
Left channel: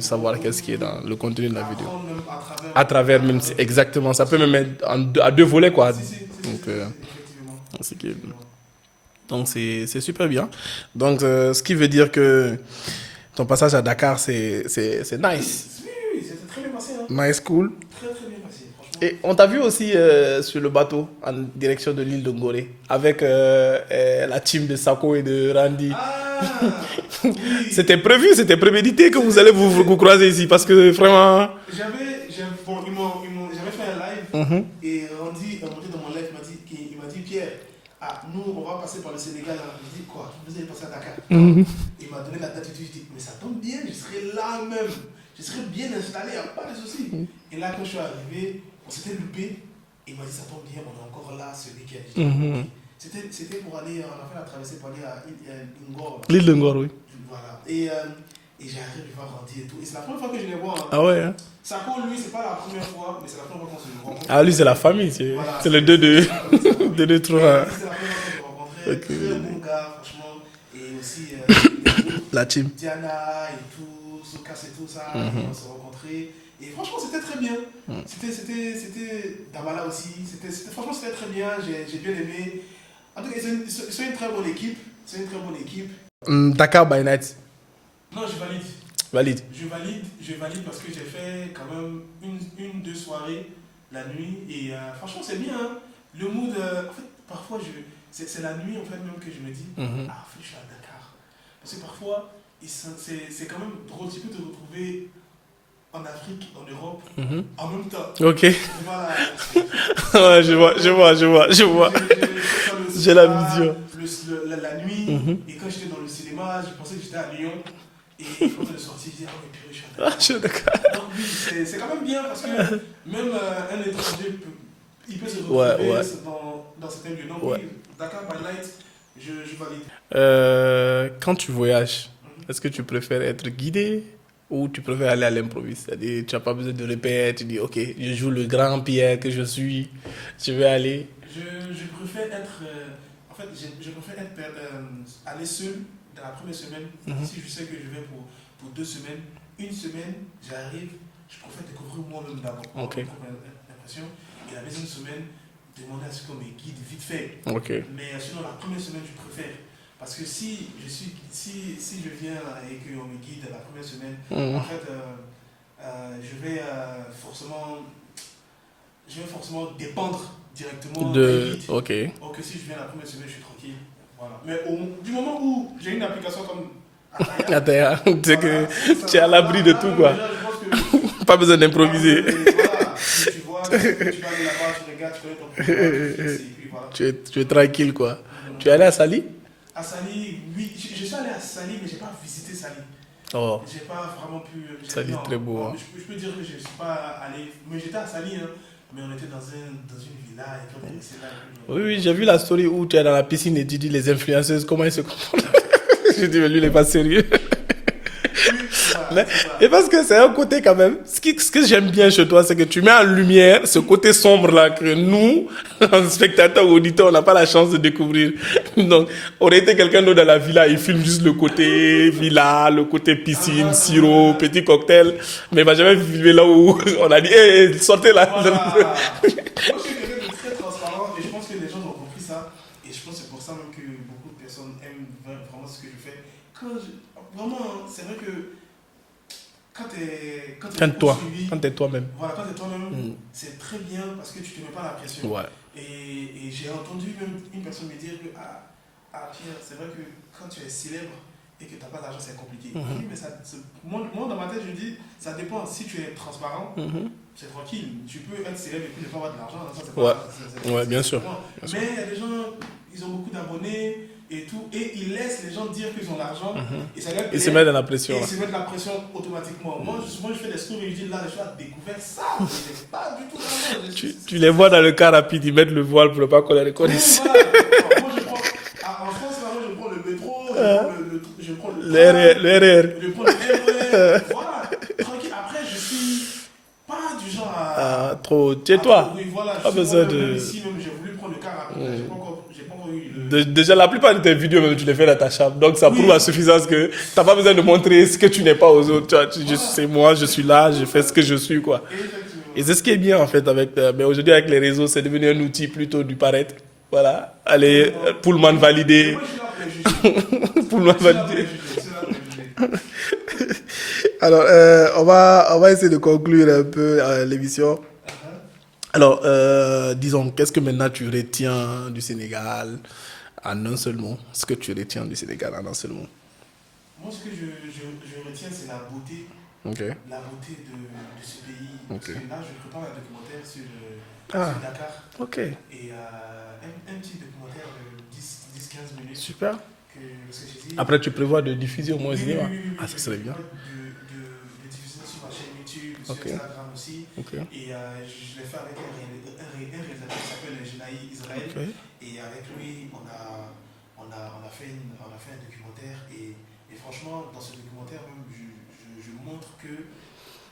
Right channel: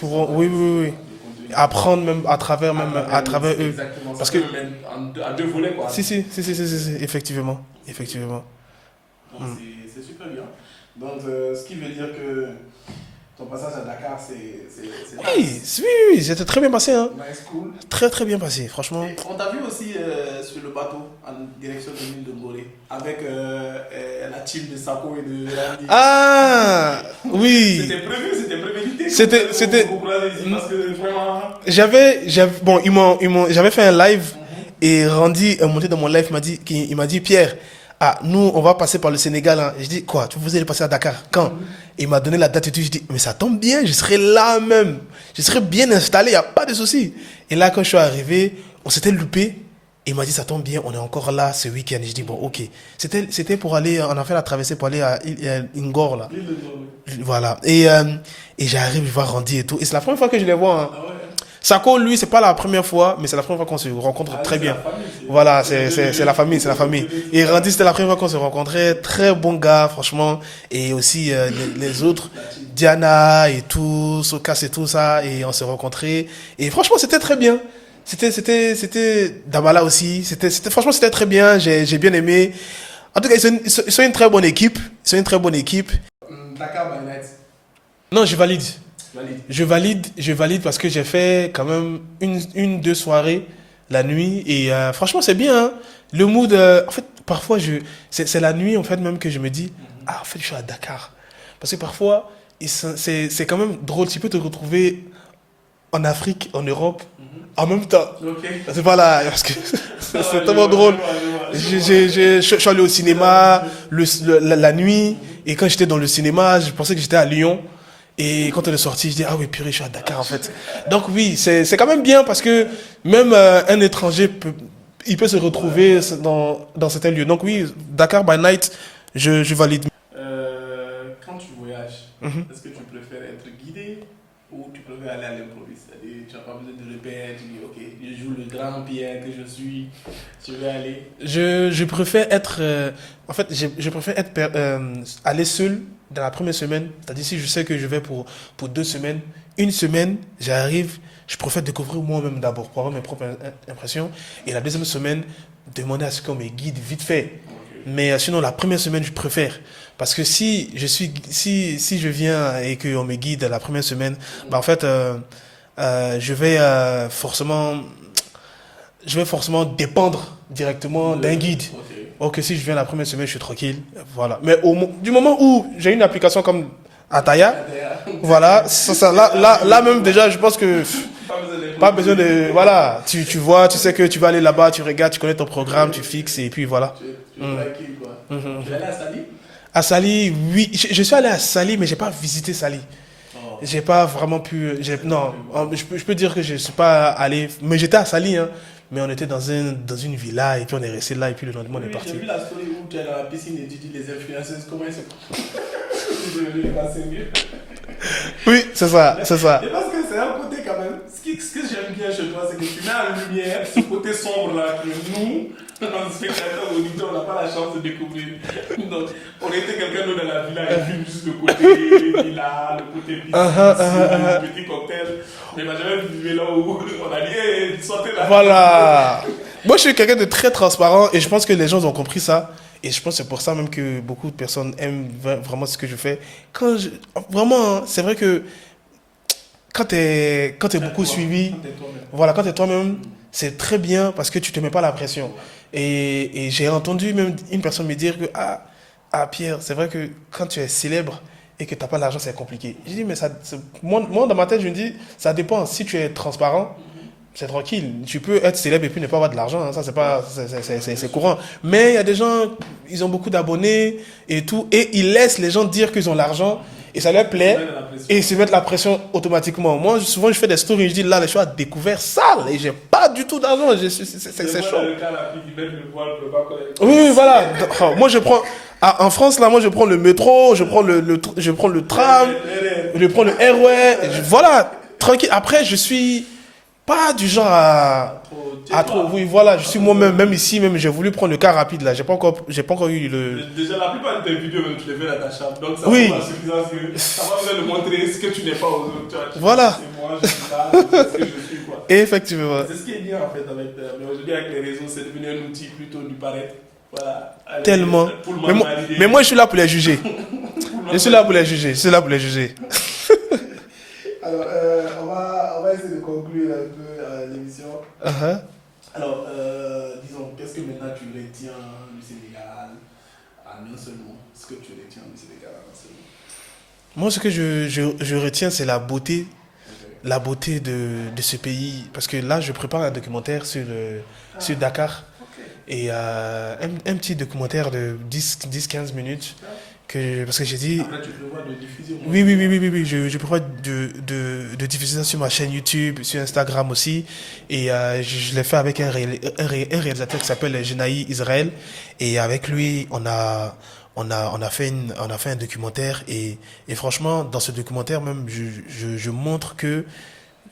savoir oui, qu'est-ce oui, qui est oui. dans le contenu. de la Apprendre même à travers vidéo. Même, c'est exactement. Ça se peut même être à deux volets, quoi. Si, Donc, effectivement. c'est Effectivement. Donc c'est super bien. Donc ce qui veut dire que ton passage à Dakar, c'est nice. Oui, c'était très bien passé. Hein. Nice, cool. Très, très bien passé, franchement. Et on t'a vu aussi sur le bateau en direction de l'île de Ngoré avec la team de Sako et de Randy. Ah, oui. C'était prévu, c'était prémédité que vous C'était- allez c'était- vous croiser ici parce que vraiment. Bon, j'avais fait un live et Randy est monté dans mon live, il m'a dit, Pierre, nous, on va passer par le Sénégal. Hein. Je dis, quoi, vous allez passer à Dakar? Quand? Il m'a donné la date et tout. Je dis, mais ça tombe bien, je serai là même. Je serai bien installé, il n'y a pas de souci. Et là, quand je suis arrivé, on s'était loupé. Il m'a dit, ça tombe bien, on est encore là ce week-end. Je dis, bon, ok. C'était pour aller, on a fait la traversée pour aller à Ngor, là. L'île de Ngor, oui. Voilà. Et j'arrive, je vois Randy et tout. Et c'est la première fois que je les vois. Hein. Ah ouais. Hein. Sako, lui, c'est pas la première fois, mais c'est la première fois qu'on se rencontre. Ah, lui, très c'est bien. la famille. Voilà, les deux c'est la famille, c'est la famille. les deux trous, Et là. Randy, c'était la première fois qu'on se rencontrait. Très bon gars, franchement. Et aussi les autres, La team. Diana et tout, Sokas et tout ça. Et on s'est rencontrés. Et franchement, c'était très bien. C'était Dabala aussi. Franchement, c'était très bien. J'ai bien aimé. En tout cas, ils sont une très bonne équipe. Ils sont une très bonne équipe. Dakar by night. Non, je valide. Valide. Je valide parce que j'ai fait quand même deux soirées la nuit et franchement c'est bien. Hein. Le mood, en fait, parfois c'est la nuit en fait même que je me dis en fait je suis à Dakar parce que parfois c'est quand même drôle. Tu peux te retrouver en Afrique, en Europe en même temps. Ok. C'est pas là parce que Ouais, c'est tellement drôle. je vois. Je suis allé au cinéma la la nuit et quand j'étais dans le cinéma, je pensais que j'étais à Lyon. Et quand on est sorti, je dis, ah oui, purée, je suis à Dakar en fait. Donc oui, c'est quand même bien parce que même un étranger, il peut se retrouver dans certains lieux. Donc oui, Dakar by night, je valide. Quand tu voyages, est-ce que tu préfères être guidé ou tu préfères aller à l'improviste? C'est-à-dire, tu n'as pas besoin de répéter, tu dis, ok, je joue le grand Pierre que je suis, je vais aller. Je préfère être. En fait, je préfère être, aller seul dans la première semaine. C'est-à-dire, si je sais que je vais pour 2 semaines, une semaine, j'arrive, je préfère découvrir moi-même d'abord, prendre mes propres impressions. Et la deuxième semaine, demander à ce qu'on me guide vite fait. Ok. Mais sinon, la première semaine, je préfère. Parce que si je viens et qu'on me guide la première semaine, bah, en fait, je vais forcément dépendre directement d'un guide. Ok. Ok, si je viens la première semaine, je suis tranquille. Voilà. Mais du moment où j'ai une application comme Ataya, voilà, là même déjà, je pense que pas besoin d'improviser. Voilà, tu vois, tu sais que tu vas aller là-bas, tu regardes, tu connais ton programme, tu fixes et puis voilà. Tu es tranquille, quoi. Tu es allé à Sali? À Sali, oui. Je suis allé à Sali, mais j'ai pas visité Sali. Oh. J'ai pas vraiment pu. Non, je peux dire que je suis pas allé. Mais j'étais à Sali, hein. Mais on était dans une villa et puis on est resté là et puis le lendemain. Oui, j'ai vu la story où tu es dans la piscine et tu dis les influenceuses, comment ils se comportent. Je dis, mais lui, il n'est pas sérieux. Oui, c'est ça, c'est ça. Et parce que c'est un côté quand même, ce que j'aime bien chez toi, c'est que tu mets en lumière ce côté sombre là que nous, spectateurs ou auditeurs, on n'a pas la chance de découvrir. Donc, on aurait été quelqu'un d'autre dans la villa, il filme juste le côté villa, le côté piscine, sirop, petit cocktail. Mais il m'a jamais filmé là où on a dit, hey, sortez là. Voilà. Moi, je suis quelqu'un de très transparent et je pense que les gens ont compris ça. Et je pense que c'est pour ça même que beaucoup de personnes aiment vraiment ce que je fais. Vraiment, c'est vrai que quand t'es beaucoup suivi, quand t'es toi-même, voilà, quand t'es toi-même, c'est très bien parce que tu te mets pas la pression. Ouais. Et j'ai entendu même une personne me dire que Pierre, c'est vrai que quand tu es célèbre et que t'as pas l'argent, c'est compliqué. Je dis mais moi dans ma tête je me dis ça dépend. Si tu es transparent. C'est tranquille. Tu peux être célèbre et puis ne pas avoir de l'argent. Hein. Ça, c'est pas, c'est courant. Mais il y a des gens, ils ont beaucoup d'abonnés et tout. Et ils laissent les gens dire qu'ils ont l'argent. Et ça leur plaît. Ils se mettent la pression. Et ils se mettent la pression automatiquement. Moi, souvent, je fais des stories. Je dis là, je suis à découvert sale. Et j'ai pas du tout d'argent. Tu les vois dans le car rapide. Ils mettent le voile pour ne pas connaître les conditions. Oui, voilà. Moi, je prends. En France, là, moi, je prends le métro. Je prends je prends le tram. Le RR. Je prends le RER. Voilà. Tranquille. Après, je suis. Pas du genre à trop tais-toi. Oui, voilà, je suis moi-même, même ici, même j'ai voulu prendre le car rapide là, j'ai pas encore eu le. Déjà, la plupart de tes vidéos, même, tu les fais dans ta chambre, donc ça prouve la suffisance que t'as pas besoin de montrer ce que tu n'es pas aux autres. Tu vois, voilà. C'est moi, je suis là, je fais ce que je suis, quoi. Effectivement. Et c'est ce qui est bien en fait mais aujourd'hui avec les réseaux, c'est devenu un outil plutôt du paraître. Voilà, allez, pour le valider. Mais moi, je suis là pour les juger. Je suis là pour les juger. Alors, on va essayer de conclure un peu l'émission. Alors, disons, qu'est-ce que maintenant tu retiens du Sénégal en un seul mot? Ce que tu retiens du Sénégal en un seul mot? Moi, ce que je retiens, c'est la beauté. Okay. La beauté de ce pays. Parce que là, je prépare un documentaire sur Dakar. Okay. Et un petit documentaire de 10-15 minutes. Super. Parce que j'ai dit... Après, tu prévois de diffuser au moins. Oui. Je prévois de diffuser ça sur ma chaîne YouTube, sur Instagram aussi. Okay. Et je l'ai fait avec un réalisateur qui s'appelle Genaï Israël. Okay. Et avec lui, on a fait un documentaire. Et franchement, dans ce documentaire, même, je montre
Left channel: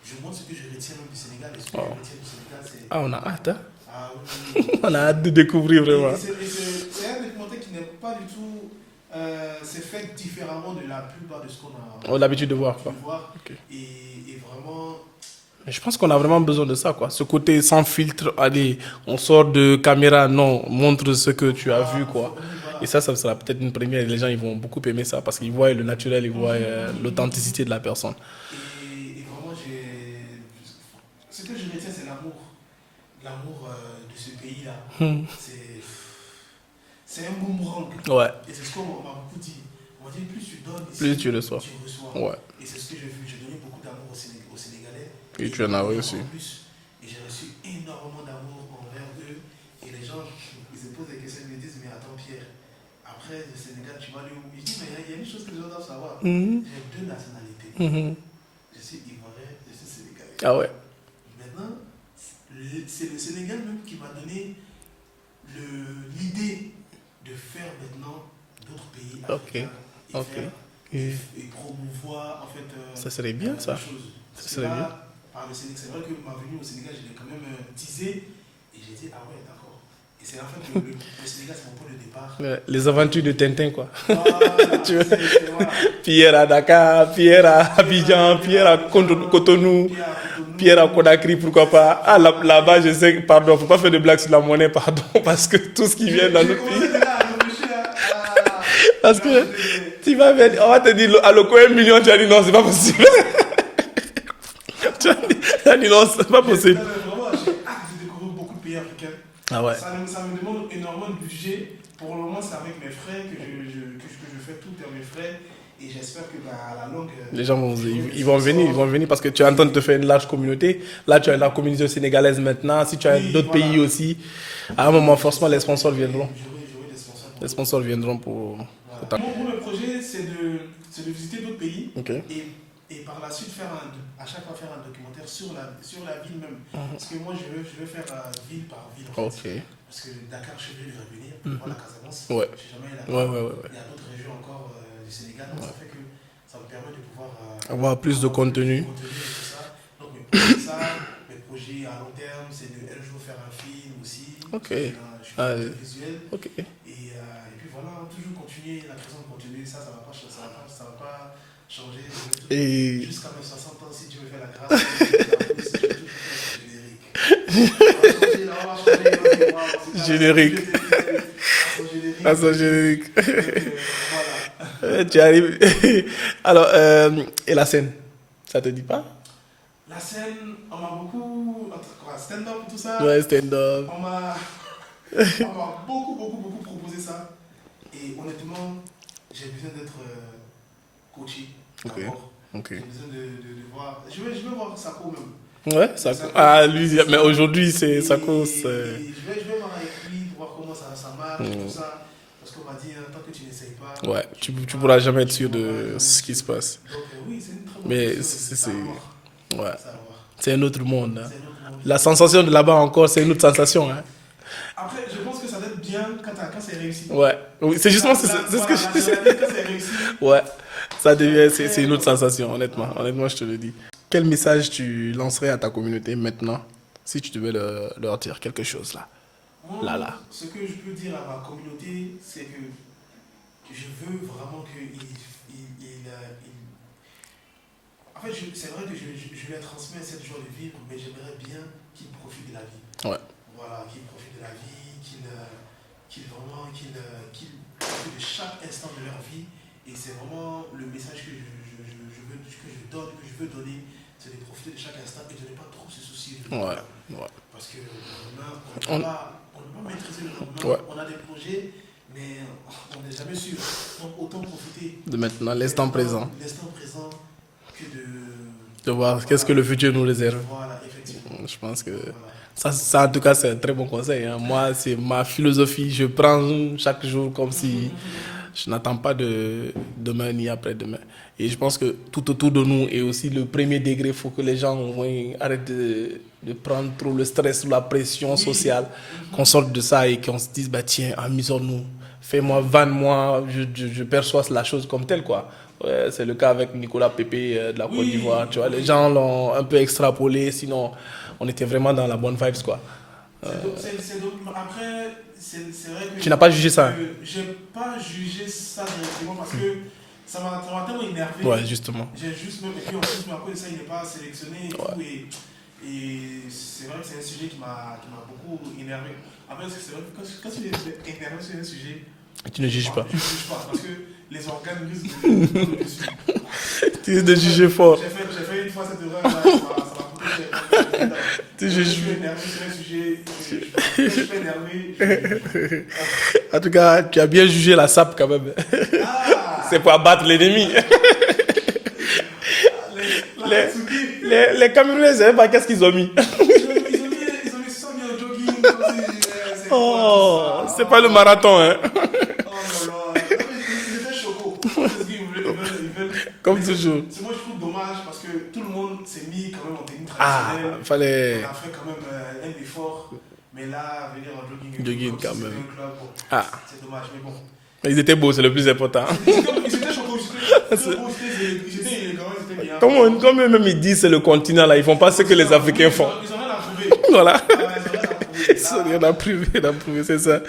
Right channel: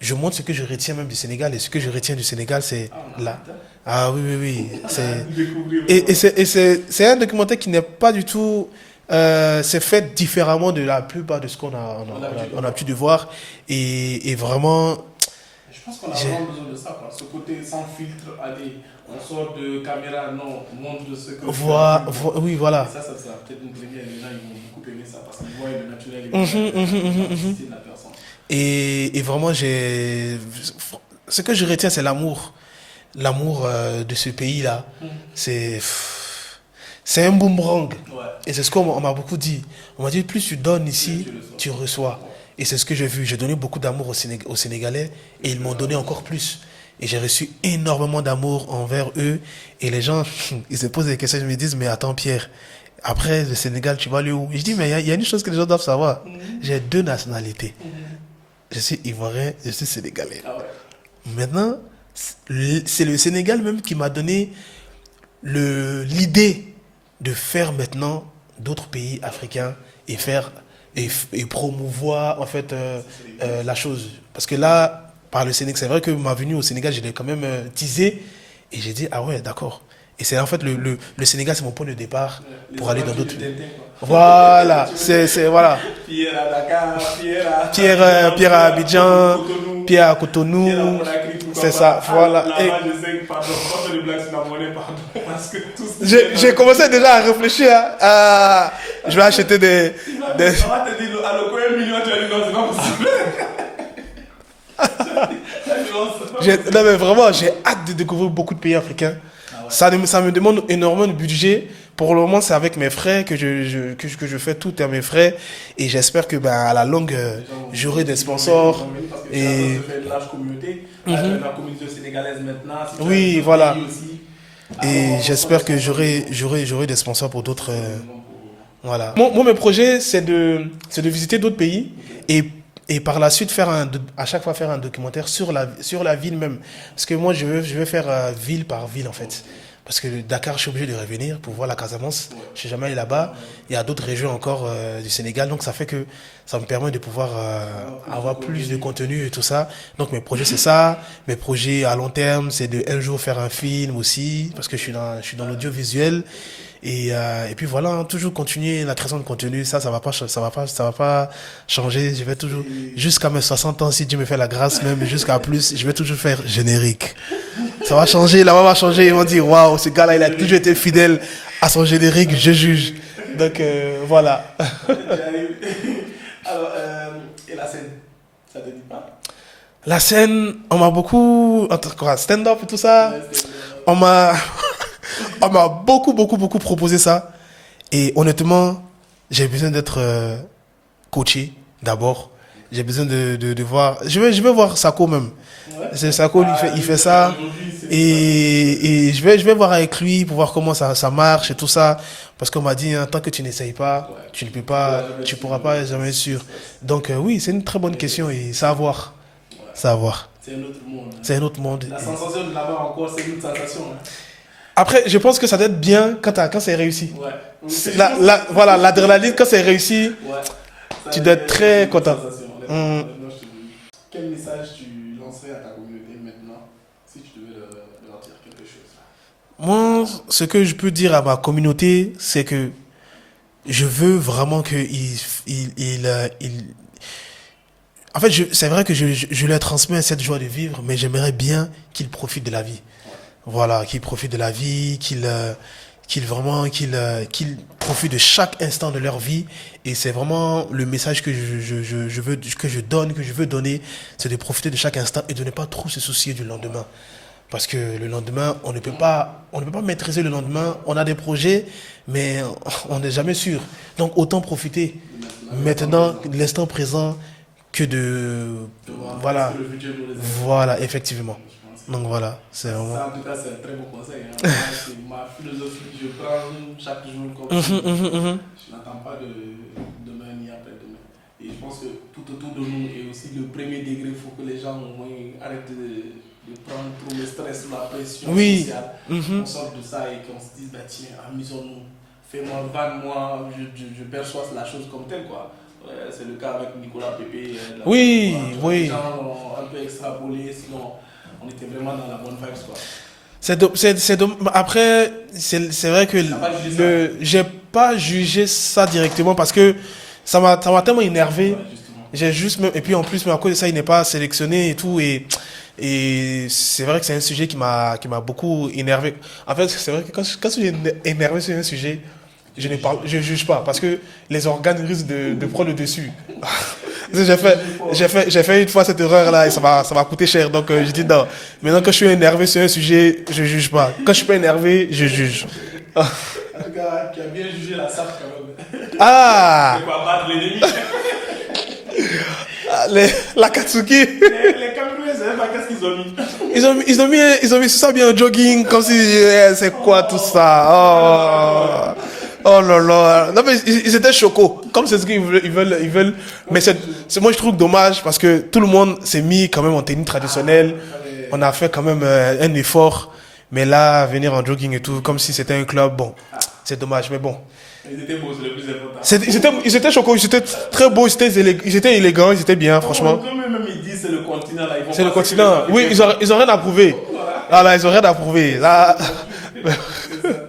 ce que je retiens même du Sénégal. Et ce que je retiens du Sénégal, c'est... on a hâte. Ah oui. On a hâte de découvrir. Vraiment. Et c'est un documentaire qui n'est pas du tout... c'est fait différemment de la plupart de ce qu'on a l'habitude de voir. Et vraiment... Je pense qu'on a vraiment besoin de ça, quoi. Ce côté sans filtre, allez, on sort de caméra, non, montre ce que tu as vu, quoi. Oui, voilà. Et ça sera peut-être une première. Les gens, ils vont beaucoup aimer ça parce qu'ils voient le naturel, ils voient l'authenticité de la personne. Et vraiment, ce que je retiens, c'est l'amour. L'amour de ce pays-là. C'est un boomerang. Ouais. Et c'est ce qu'on m'a beaucoup dit. On m'a dit, plus tu donnes ici, tu reçois. Ouais. Et c'est ce que j'ai vu. J'ai donné beaucoup d'amour aux Sénégalais et ils m'ont donné encore plus. Et j'ai reçu énormément d'amour envers eux. Et les gens, ils se posent des questions. Ils me disent, mais attends Pierre, après le Sénégal, tu vas aller où? Et je dis, mais il y a une chose que les gens doivent savoir. J'ai 2 nationalités. Je suis ivoirien, je suis sénégalais. Ah ouais. Maintenant, c'est le Sénégal même qui m'a donné l'idée de faire maintenant d'autres pays africains et faire et promouvoir en fait Ça serait bien, ça. la chose. Parce que là, par le Sénégal, c'est vrai que ma venue au Sénégal, je l'ai quand même teasé et j'ai dit, ah ouais, d'accord. Et c'est en fait le Sénégal, c'est mon point de départ. Ouais, les pour aller aventures dans de d'autres- Tintin, quoi. Voilà, Tu vois. voilà. Pierre à Dakar, Pierre à Pierre à Abidjan, Cotonou, Pierre à Cotonou. Pierre à Conakry, pourquoi C'est pas. ça, Ah, voilà. là-bas, je sais que, pardon, faut pas faire de blagues sur la monnaie, pardon, parce que tout ce qui vient dans J'ai le commencé pays- déjà à réfléchir à je vais que- acheter des. Tu vas mettre, on va te dire, à l'eau, 1 million, tu as dit non, c'est pas possible. Tu as dit non, c'est pas possible. Non, mais vraiment, j'ai hâte de découvrir beaucoup de pays africains. Ah ouais. Ça me demande énormément de budget. Pour le moment, c'est avec mes frais que je fais tout à mes frais. Et j'espère que à la longue, Les gens vont j'aurai des ils vont sponsors. venir parce que tu Et- es en train de te faire une large communauté. Là, tu as la communauté sénégalaise maintenant. Si tu as Oui, d'autres voilà. pays aussi, à un Et moment, franchement, j'espère les que sponsors viendront. j'aurai des sponsors pour Les d'autres. sponsors viendront pour... Voilà. Moi, mes projets, c'est de visiter d'autres pays Ok. et par la suite à chaque fois faire un documentaire sur la ville même. Parce que moi, je veux faire ville par ville en fait. Ok. Parce que Dakar, je suis obligé de revenir pour voir la Casamance. Ouais. Je suis jamais allé là-bas. Ouais. Il y a d'autres régions encore du Sénégal, donc ça fait que ça me permet de pouvoir Avoir plus de contenu. et tout ça. Donc mes projets, c'est ça. Mes projets à long terme, c'est de un jour faire un film aussi, parce que je suis dans l'audiovisuel. Ok. Et puis voilà, hein, toujours continuer la création de contenu. Ça va pas changer. Je vais toujours, jusqu'à mes 60 ans, si Dieu me fait la grâce, même jusqu'à plus, je vais toujours faire générique. Ça va changer, la voix va changer. Ils vont dire, waouh, ce gars-là, il a Générique. toujours été fidèle à son générique, À son je juge. générique. Donc voilà. Tu arrives. Alors, et la scène, ça te dit pas? La scène, on m'a beaucoup, en tout cas, stand-up et tout ça. Ouais, stand-up. On m'a beaucoup proposé ça. Et honnêtement, j'ai besoin d'être coaché d'abord. Ok. J'ai besoin de voir. Je vais voir Sako même. Ouais. C'est Sako qui fait ça. Mais aujourd'hui, c'est Et je vais voir avec lui pour voir comment ça marche et tout ça. Parce qu'on m'a dit, hein, tant que tu n'essayes pas, Ouais, tu tu peux pas, pourras jamais être tu sûr pourras de pas jamais être ce qui sûr. se passe. Donc oui, c'est une très bonne Mais question et c'est- ça à voir. Ouais. Ça à voir. C'est un autre monde. hein. C'est un autre monde. La sensation de là-bas encore, c'est une autre sensation. Hein. Après, je pense que ça doit être bien quand c'est réussi. Ouais. Oui, C'est justement- voilà, ce que je- l'adrénaline quand c'est réussi. Ouais. Ça Tu dois devient être très c'est une autre content. sensation, honnêtement. Honnêtement, je te le dis. Quel message tu lancerais à ta communauté maintenant, si tu devais leur dire quelque chose là? Moi, ce que je peux dire à ma communauté, c'est que je veux vraiment qu'ils en fait, c'est vrai que je leur transmets cette joie de vivre, mais j'aimerais bien qu'ils profitent de la vie. Ouais. Voilà, qu'ils profitent de la vie, qu'ils profitent de chaque instant de leur vie. Et c'est vraiment le message que je veux donner, c'est de profiter de chaque instant et de ne pas trop se soucier du lendemain. Ouais. Parce que le lendemain, on ne peut pas maîtriser le lendemain. Ouais. On a des projets, mais on n'est jamais sûr. Donc autant profiter De maintenant, de l'instant présent que de voir voilà. qu'est-ce que le futur nous réserve. Voilà, effectivement. Je pense que Donc voilà. ça, en tout cas, c'est un très bon conseil. Hein. Moi, c'est ma philosophie. Je prends chaque jour comme si je n'attends pas de demain ni après-demain. Et je pense que tout autour de nous, et aussi le premier degré, il faut que les gens arrêtent de prendre trop le stress ou la pression sociale. Qu'on sorte de ça et qu'on se dise, bah, tiens, amusons-nous. Fais-moi, vanne-moi. Je perçois la chose comme telle, quoi. Ouais, c'est le cas avec Nicolas Pépé de la Côte d'Ivoire. Tu vois, les gens l'ont un peu extrapolé, sinon on était vraiment dans la bonne vibes, quoi. Après, c'est vrai que... Tu n'as pas jugé ça? J'ai pas jugé ça directement parce que ça m'a tellement énervé. Ouais, justement. Et puis en plus, mais à cause de ça, il n'est pas sélectionné et tout. Et c'est vrai que c'est un sujet qui m'a beaucoup énervé. En fait, c'est vrai que quand je suis énervé sur un sujet, je ne juge pas parce que les organes risquent de prendre le dessus. J'ai fait une fois cette erreur-là et ça m'a coûté cher. Donc je dis non. Maintenant que je suis énervé sur un sujet, je ne juge pas. Quand je ne suis pas énervé, je juge. En tout cas, tu as bien jugé la SAP quand même. Ah, c'est pour abattre l'ennemi. la Katsuki. Les Camerounais, je ne sais pas qu'est-ce qu'ils ont mis. Ils ont mis ça bien au jogging, comme si c'est quoi tout ça. C'est pas le marathon. Hein. Oh là là. Non mais ils étaient chocos. Comme c'est ce qu'ils veulent. Mais moi je trouve dommage parce que tout le monde s'est mis quand même en tenue traditionnelle. On a fait quand même un effort. Mais là, venir en jogging et tout, comme si c'était un club, bon, c'est dommage. Mais bon, Ils étaient beaux, c'est le plus important. Ils étaient choquants, ils étaient très beaux, ils étaient élégants, ils étaient bien, franchement. Comme eux-même ils disent, c'est le continent là, ils font pas ce que les continent. Africains Oui, font. ils ont rien à prouver. Voilà. Ah là, ils ont rien à prouver. Là, On a pris, c'est ça.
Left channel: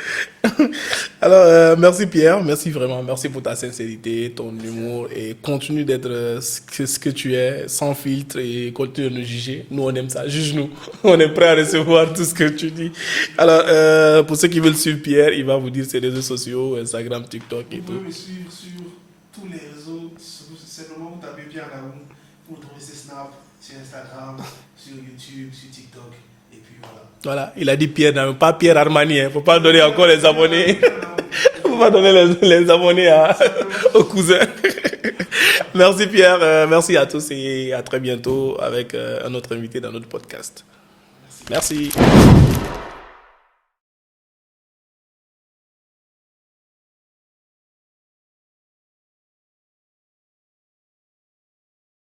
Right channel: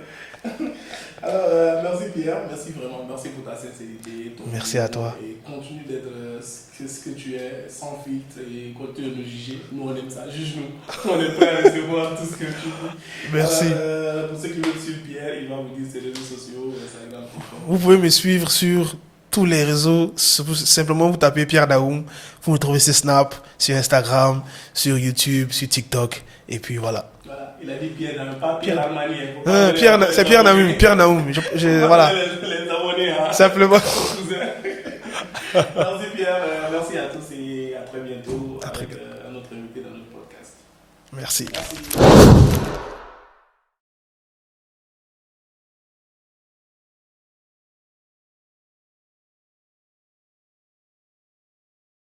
Alors, merci Pierre, merci vraiment, merci pour ta sincérité, ton Merci humour, à toi. et continue d'être ce que tu es, sans filtre, et continue de nous juger. Nous, on aime ça, juge-nous. On est prêt à recevoir tout ce que tu dis. Merci. Alors, pour ceux qui veulent suivre Pierre, il va vous dire ses réseaux sociaux, Instagram, TikTok. vous pouvez me suivre sur tous les réseaux. Simplement, vous tapez Pierre Daoum. Vous me trouvez sur Snap, sur Instagram, sur YouTube, sur TikTok. Et puis voilà. Voilà, il a dit Pierre Naoum, pas Pierre Armani, hein. Faut pas donner Pierre, encore les c'est Pierre abonnés. Daoum. Pierre Daoum. Faut pas Voilà. donner les abonnés Simplement. aux cousins. Merci Pierre, merci à tous et à très bientôt avec un autre invité dans notre podcast. Merci. Merci.